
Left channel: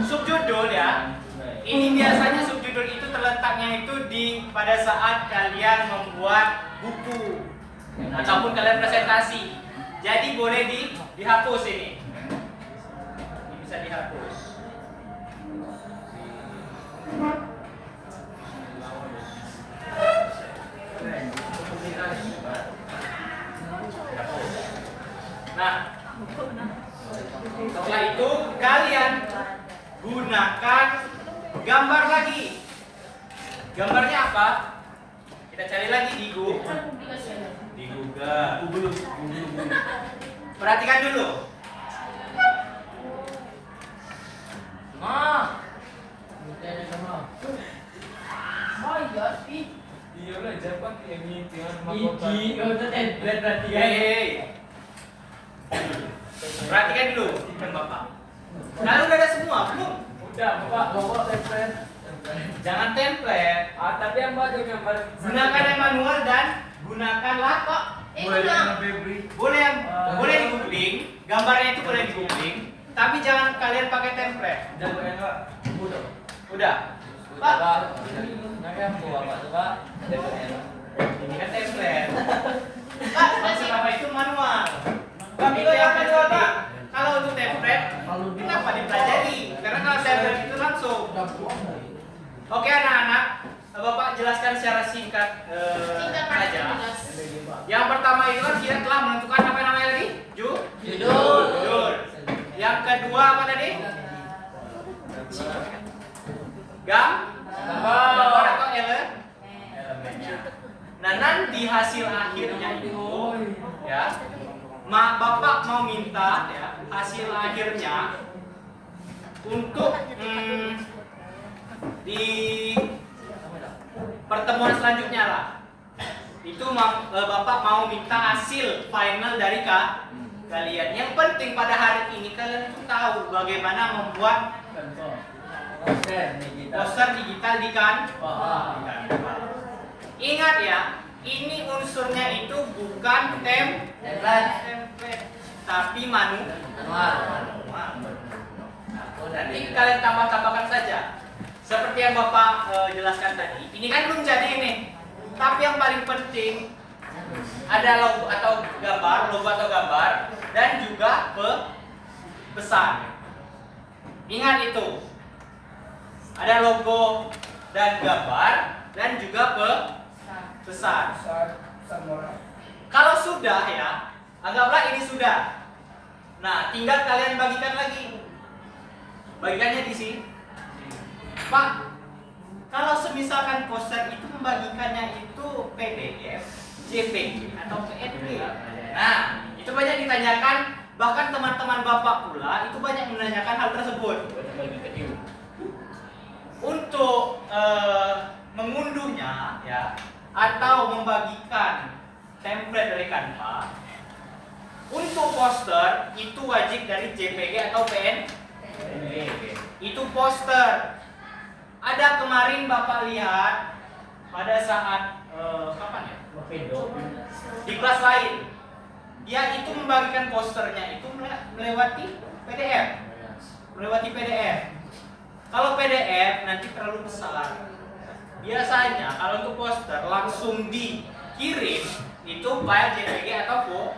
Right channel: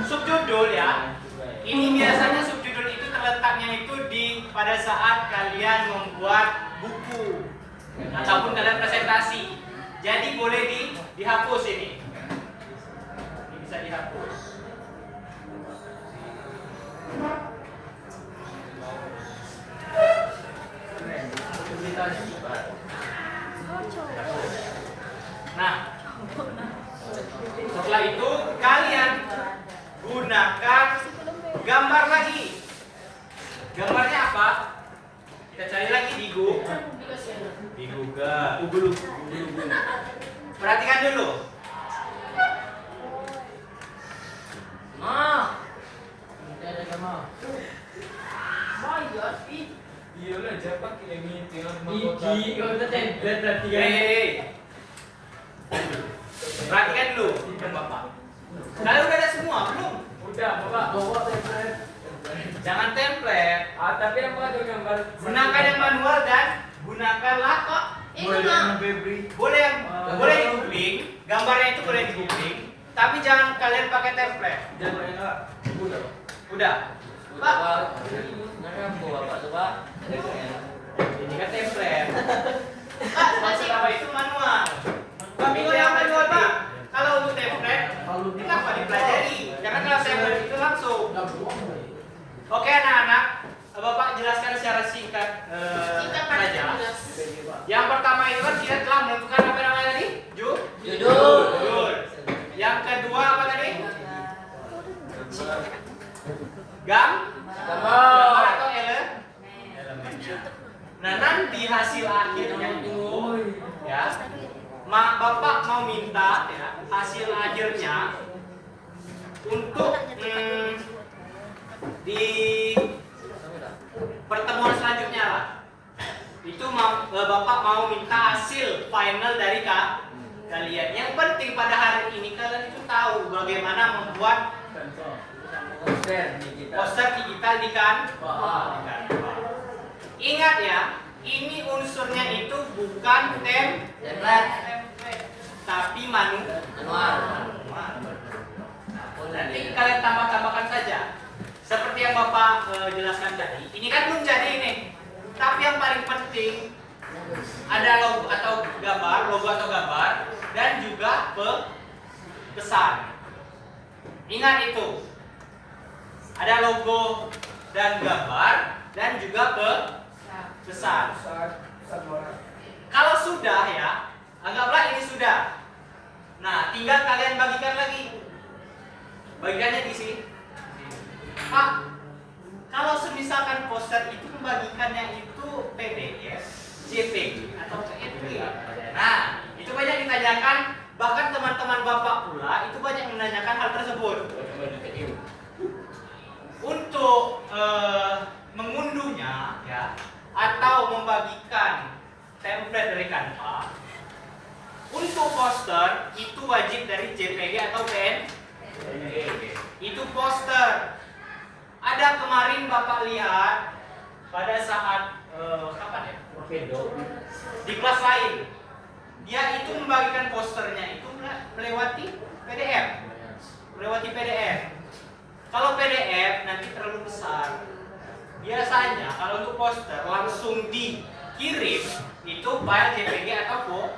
subjudul ya. Ini biasanya subjudul itu terletaknya itu pada saat kalian membuat buku ataupun kalian presentasi. Jadi boleh dihapus ini. Ini bisa dihapus. Nah, setelah itu kalian gunakan gambar lagi. Gambarnya apa? Kita cari lagi di Google. Perhatikan dulu. Iya lah, cepat ini tinggal Hei. Perhatikan dulu, Bapak. Nah, udah ada semua belum? Udah, Bapak. Jangan template. Tapi yang buat gambar. Gunakan yang manual dan gunakanlah kok. Boleh di googling, gambarnya itu boleh di googling, tapi jangan kalian pakai template. Udah. Pak. Nyampe Bapak tuh, Pak. Ini kan template. Pak, maksud apa itu manual? Kami yang manual, Pak. Kalau untuk template, kenapa dipelajari? Karena kalau template itu langsung. Oke anak-anak, Bapak jelaskan secara singkat saja. Yang pertama itu kan kita telah menentukan apa namanya tadi? Judul. Yang kedua apa tadi? Gambar atau elemennya. Nah nanti hasil akhirnya itu ya, Bapak mau minta ya hasil akhirnya untuk di pertemuan selanjutnya lah. Itu Bapak mau minta hasil final dari kalian. Yang penting pada hari ini kalian itu tahu bagaimana membuat poster digital di Canva. Ingat ya, ini unsurnya itu bukan template, tapi manual. Nanti kalian tambah-tambahkan saja. Seperti yang Bapak jelaskan tadi. Ini kan belum jadi ini. Tapi yang paling penting ada logo atau gambar, dan juga pesan. Ingat itu. Ada logo dan gambar dan juga pesan. Kalau sudah ya, anggaplah ini sudah. Nah, tinggal kalian bagikan lagi. Bagikannya di sini. Pak, kalau semisalkan poster itu membagikannya itu PDF, JPG atau PNG. Nah, itu banyak ditanyakan, bahkan teman-teman Bapak pula itu banyak menanyakan hal tersebut. Untuk mengunduhnya ya atau membagikan template dari Canva, untuk poster itu wajib dari JPG atau PNG. Itu poster. Ada kemarin Bapak lihat pada saat kapan ya? Di kelas lain. Dia itu membagikan posternya itu melewati PDF. Melewati PDF. Kalau PDF nanti terlalu besar. Biasanya kalau untuk poster langsung dikirim itu file JPG atau foto.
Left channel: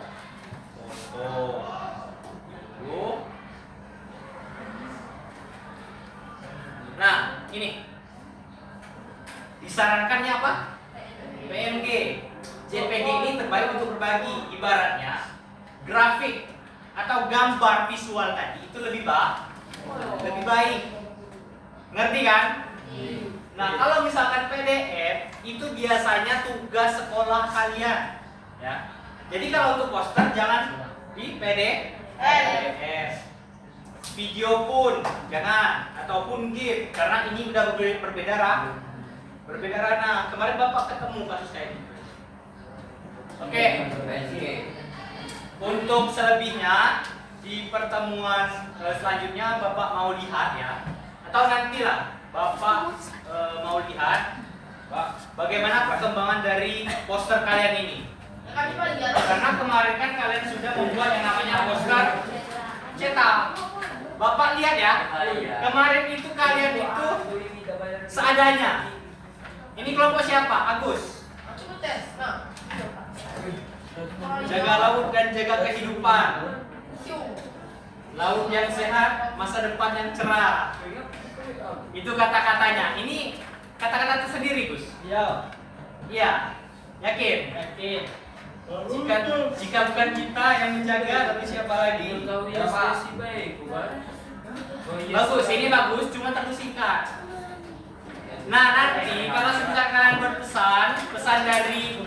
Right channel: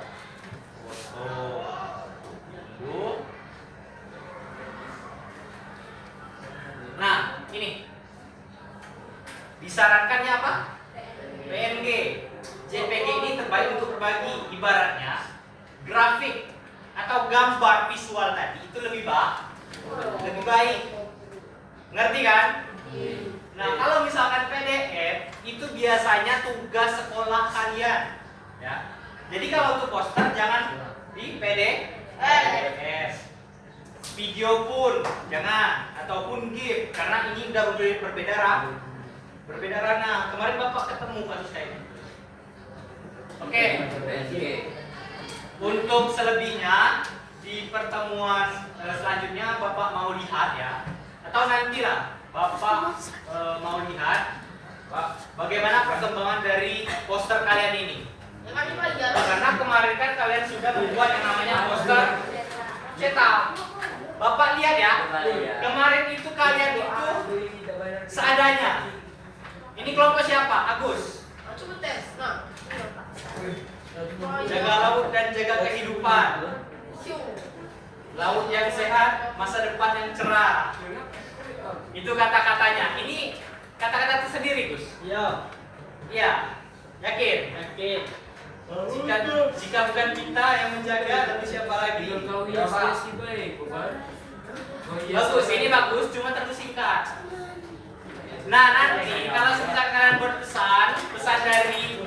Yuk. Nah, ini disarankannya apa? PNG. JPG ini terbaik untuk berbagi. Ibaratnya grafik atau gambar visual tadi itu lebih baik. Ngerti kan? Nah, kalau misalkan PDF itu biasanya tugas sekolah kalian, ya. Jadi kalau untuk poster jangan di PDF. Video pun jangan, ataupun GIF karena ini udah berbeda ranah. Kemarin Bapak ketemu kasus kayak ini. Oke. Untuk selebihnya di pertemuan selanjutnya Bapak mau lihat ya, atau nanti lah Bapak mau lihat bagaimana perkembangan dari poster kalian ini. Karena kemarin kan kalian sudah membuat yang namanya poster cetak. Bapak lihat ya, kemarin itu kalian itu seadanya. Ini kelompok siapa? Agus. Jaga laut dan jaga kehidupan. Laut yang sehat, masa depan yang cerah. Itu kata-katanya. Ini kata-kata tersendiri, Gus. Iya. Iya. Yakin? Jika bukan kita yang menjaga, tapi siapa lagi? Ya, Pak. Baik, Pak. Bagus, ini bagus, cuma terlalu singkat. Nah, nanti kalau misalkan kalian berpesan, pesan dari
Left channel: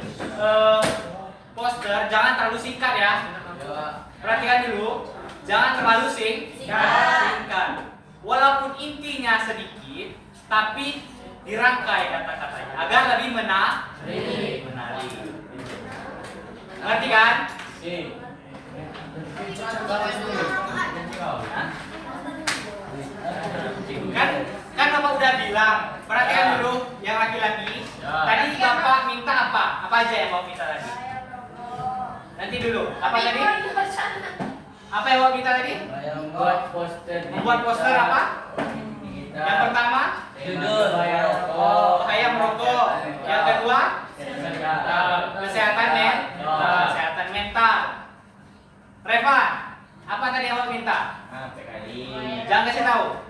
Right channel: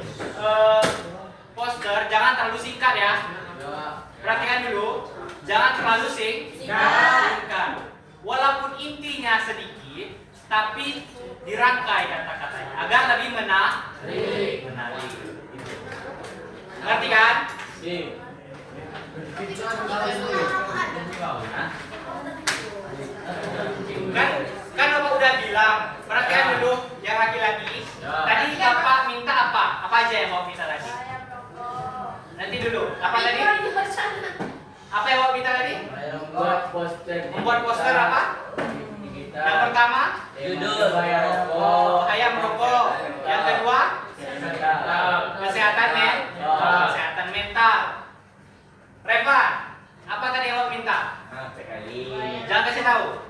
poster jangan terlalu singkat ya. Perhatikan dulu, jangan terlalu singkat. Walaupun intinya sedikit, tapi dirangkai kata-katanya agar lebih menarik. Ngerti kan? Kan Bapak udah bilang, perhatikan dulu yang laki-laki. Tadi Bapak minta apa? Apa aja yang Bapak minta tadi? Nanti dulu. Apa tadi? Apa yang Bapak minta tadi? Membuat poster. Membuat poster apa? Yang pertama? Judul. Ayam merokok. Yang kedua? Kesehatan kesehatan mental. Reva, apa tadi yang Bapak minta? Jangan kasih tahu.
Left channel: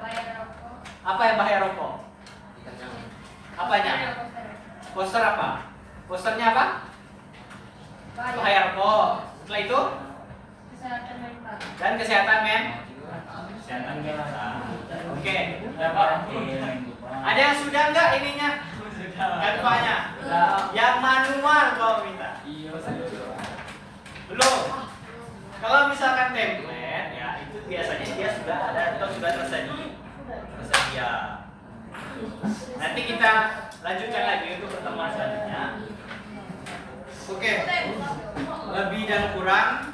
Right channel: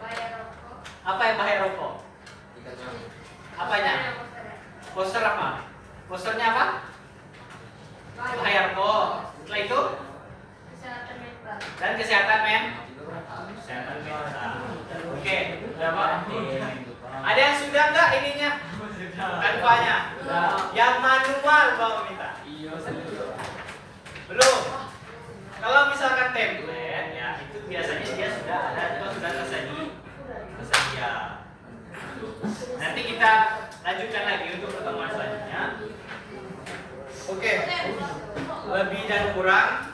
Apa yang bahaya rokok? Apanya? Poster apa? Posternya apa? Bahaya rokok. Setelah itu? Dan kesehatan mental. Oke. Ada yang sudah enggak ininya? Kanvanya? Yang manual Bapak minta? Belum. Kalau misalkan template ya itu biasanya dia sudah ada atau sudah tersedia. Nanti kita lanjutkan lagi untuk pertemuan selanjutnya. Oke. Lebih dan kurang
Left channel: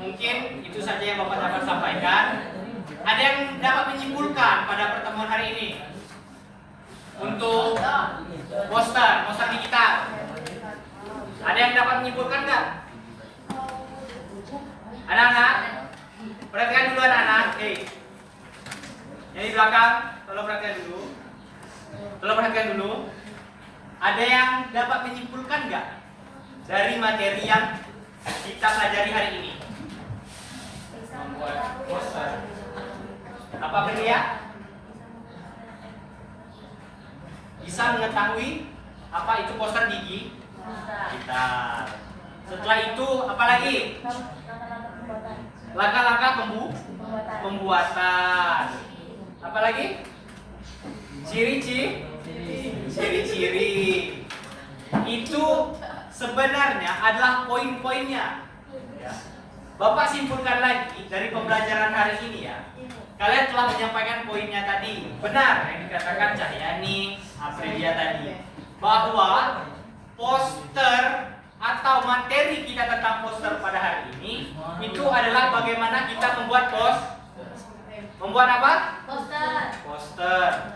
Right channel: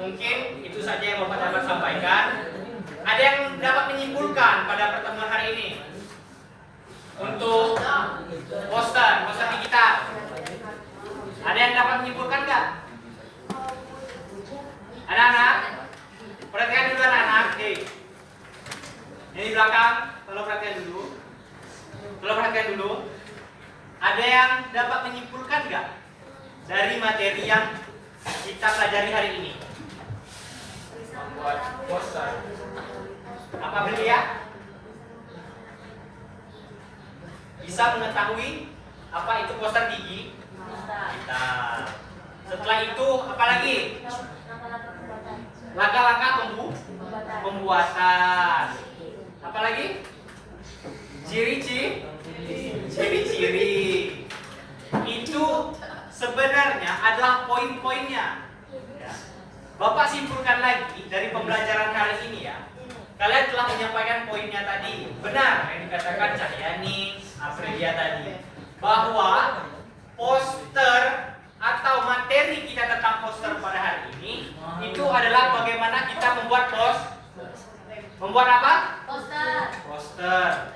mungkin itu saja yang Bapak dapat sampaikan. Ada yang dapat menyimpulkan pada pertemuan hari ini untuk poster digital? Ada yang dapat menyimpulkan nggak? Anak-anak, perhatikan dulu anak-anak. Yang di belakang, tolong perhatikan dulu. Ada yang dapat menyimpulkan nggak dari materi yang kita pelajari hari ini? Membuat poster. Apa dia? Bisa mengetahui apa itu poster digital. Setelah itu apa lagi? Langkah-langkah pembuatan. Apa lagi? Ciri-ciri. Itu sebenarnya adalah poin-poinnya. Bapak simpulkan lagi dari pembelajaran hari ini ya. kalian telah menyampaikan poinnya tadi. Benar yang dikatakan Cahyani, Aprilia tadi, bahwa poster atau materi kita tentang poster pada hari ini itu adalah bagaimana kita membuat membuat apa? Poster.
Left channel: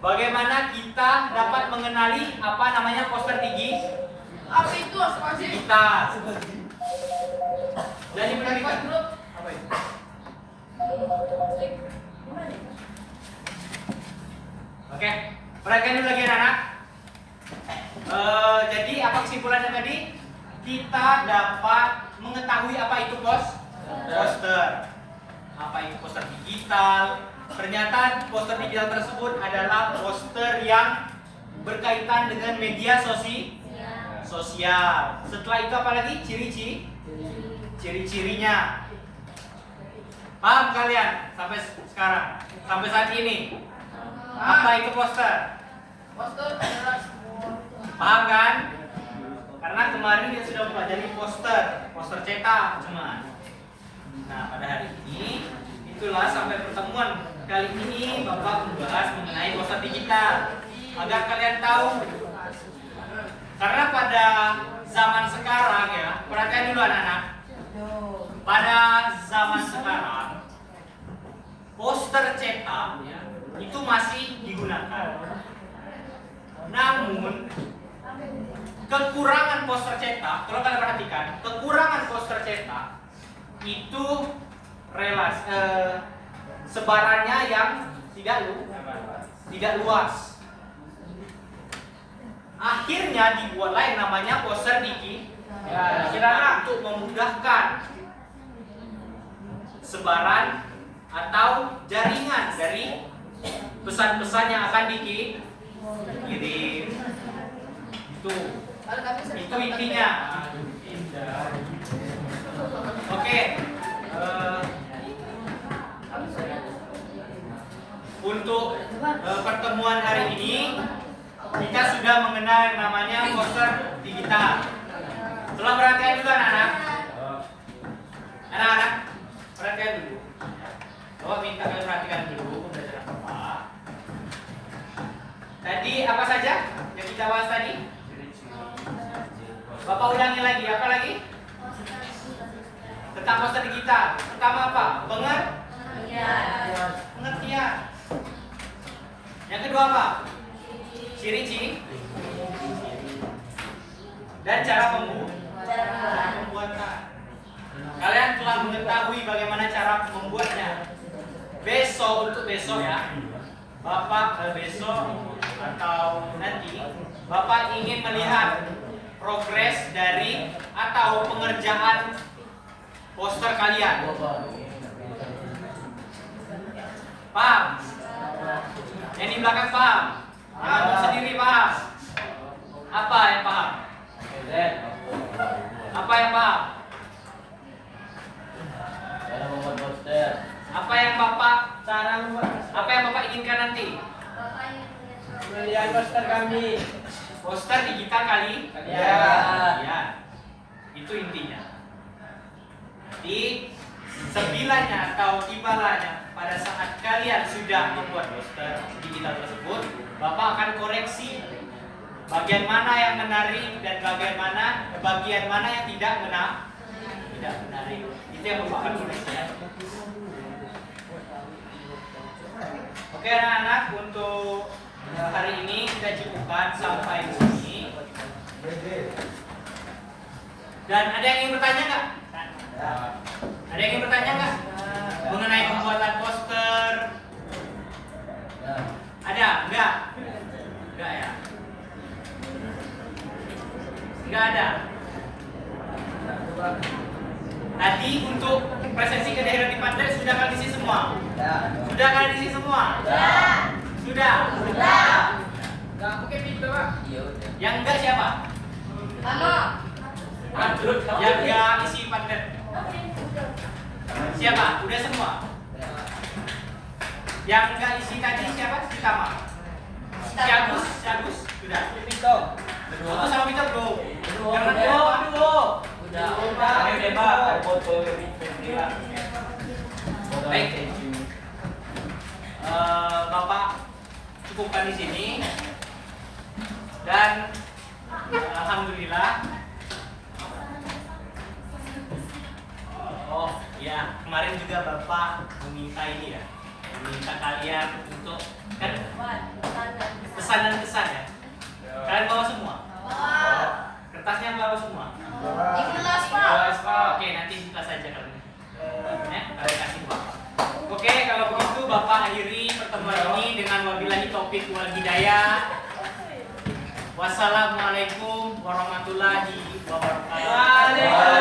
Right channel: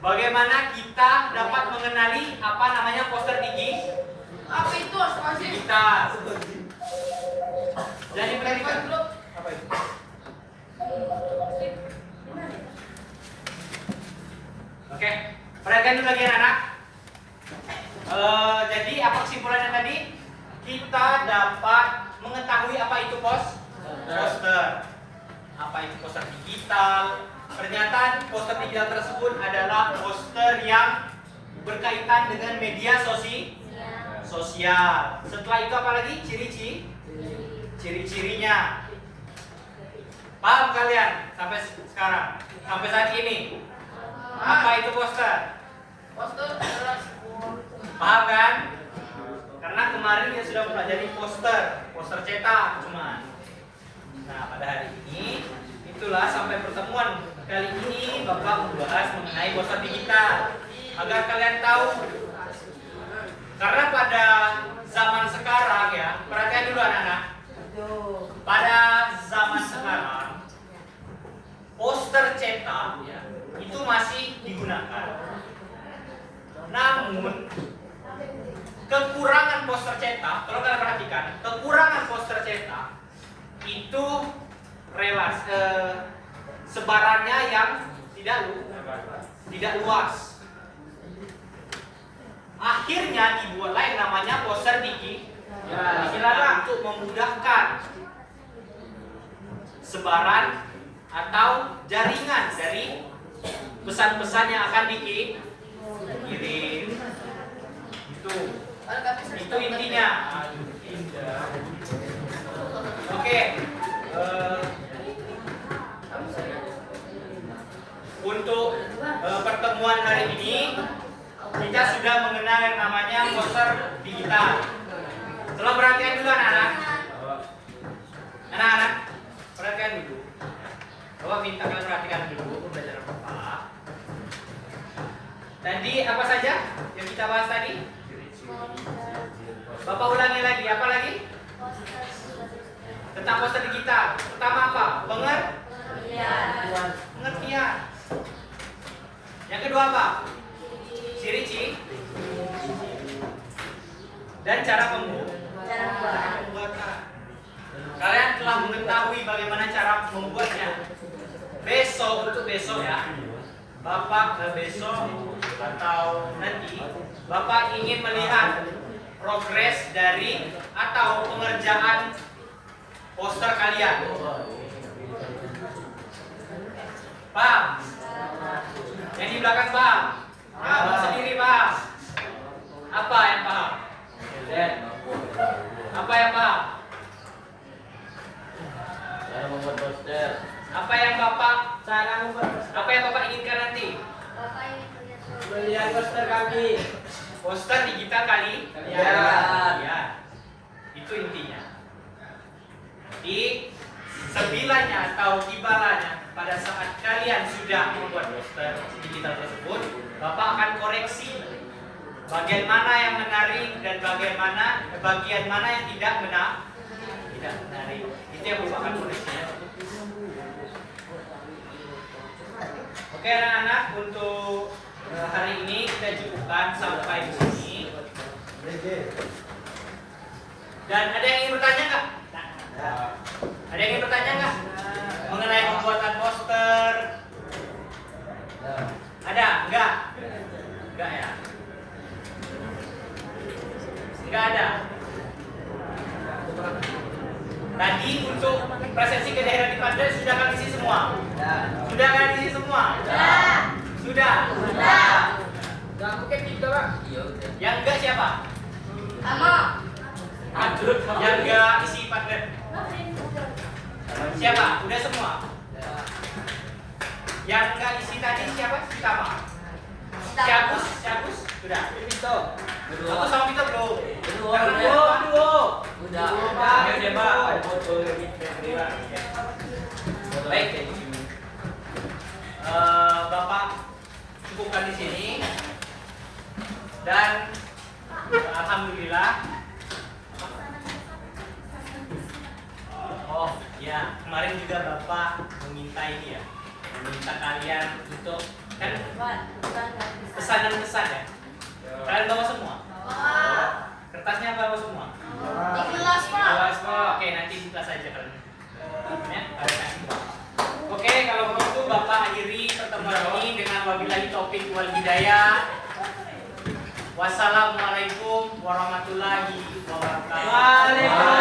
Bagaimana kita dapat mengenali apa namanya poster Apa itu asal-asal? digital. Dan yang berikutnya apa itu? Oke, perhatikan dulu lagi anak-anak. Jadi apa kesimpulannya tadi? Kita dapat mengetahui apa itu poster. Apa itu poster digital? Ternyata poster digital tersebut adalah poster yang berkaitan dengan media sosial. Setelah itu apa lagi? Ciri-cirinya. Paham kalian sampai sekarang? Sampai saat ini? Apa itu poster? Poster adalah sebuah Paham kan? Karena kemarin kita sudah mempelajari poster cetak cuman. Nah, pada hari ini itulah sampai pertemuan kali ini Bapak membahas mengenai poster digital agar kalian tahu. Karena pada zaman sekarang ya, perhatikan dulu anak-anak. Pada zaman sekarang poster cetak ya, itu masih digunakan. Namun kekurangan poster cetak, kalau kalian perhatikan, kekurangan poster cetak itu sebarannya yang tidak luas. Akhirnya dibuatlah yang namanya poster digital untuk memudahkan sebaran atau jaringan dari pesan-pesan yang akan dikirim. Itu intinya. Oke. Untuk pertemuan hari ini kita sudah mengenal yang namanya poster digital. Tolong perhatian dulu anak-anak. Anak-anak, perhatian dulu. Bapak minta kalian perhatikan dulu pembelajaran Bapak. Tadi apa saja yang kita bahas tadi? Bapak ulangi lagi, apa lagi? Tentang poster digital. Pertama apa? Pengertian. Yang kedua apa? Ciri-ciri. Dan cara pembuatan. Kalian telah mengetahui bagaimana cara membuatnya. Untuk besok ya, Bapak besok atau nanti Bapak ingin melihat progres dari atau pengerjaan poster kalian. Paham? Yang di belakang paham? Yang sendiri paham? Apa yang paham? Apa yang paham? Apa yang Bapak inginkan nanti? Melihat poster kami. Poster digital kalian. Itu intinya. Di sebilanya atau tibalanya pada saat kalian sudah membuat poster digital tersebut, Bapak akan koreksi bagian mana yang menarik dan bagian mana yang tidak menarik. Itu yang merupakan koreksi. Oke anak-anak, untuk hari ini kita cukupkan sampai di sini. Dan ada yang ingin bertanya nggak? Ada yang ingin bertanya nggak mengenai pembuatan poster? Ada? Enggak? Enggak ya? Enggak ada. Tadi untuk presensi ke daerah di Padre sudah kalian isi semua? Sudah kalian isi semua? Sudah. Enggak, aku kayak gitu, Pak. Yang enggak siapa? Yang enggak isi Padre. Siapa? Udah semua? Yang enggak isi tadi siapa? Si Tama. Si Agus? Sudah. Aku sama Vito belum. Karena dia Udah. Baik. Bapak cukupkan di sini. Dan alhamdulillah. Oh ya, kemarin juga Bapak meminta ini ya, meminta kalian untuk kan pesan ya. Kalian bawa semua? Kertasnya bawa semua? Di kelas, Pak. Kelas, Pak. Oke, nanti di kelas aja kalian. Ya, kalian kasih Bapak. Oke, kalau begitu Bapak akhiri pertemuan ini dengan wabillahi taufik wal hidayah. Wassalamualaikum warahmatullahi wabarakatuh.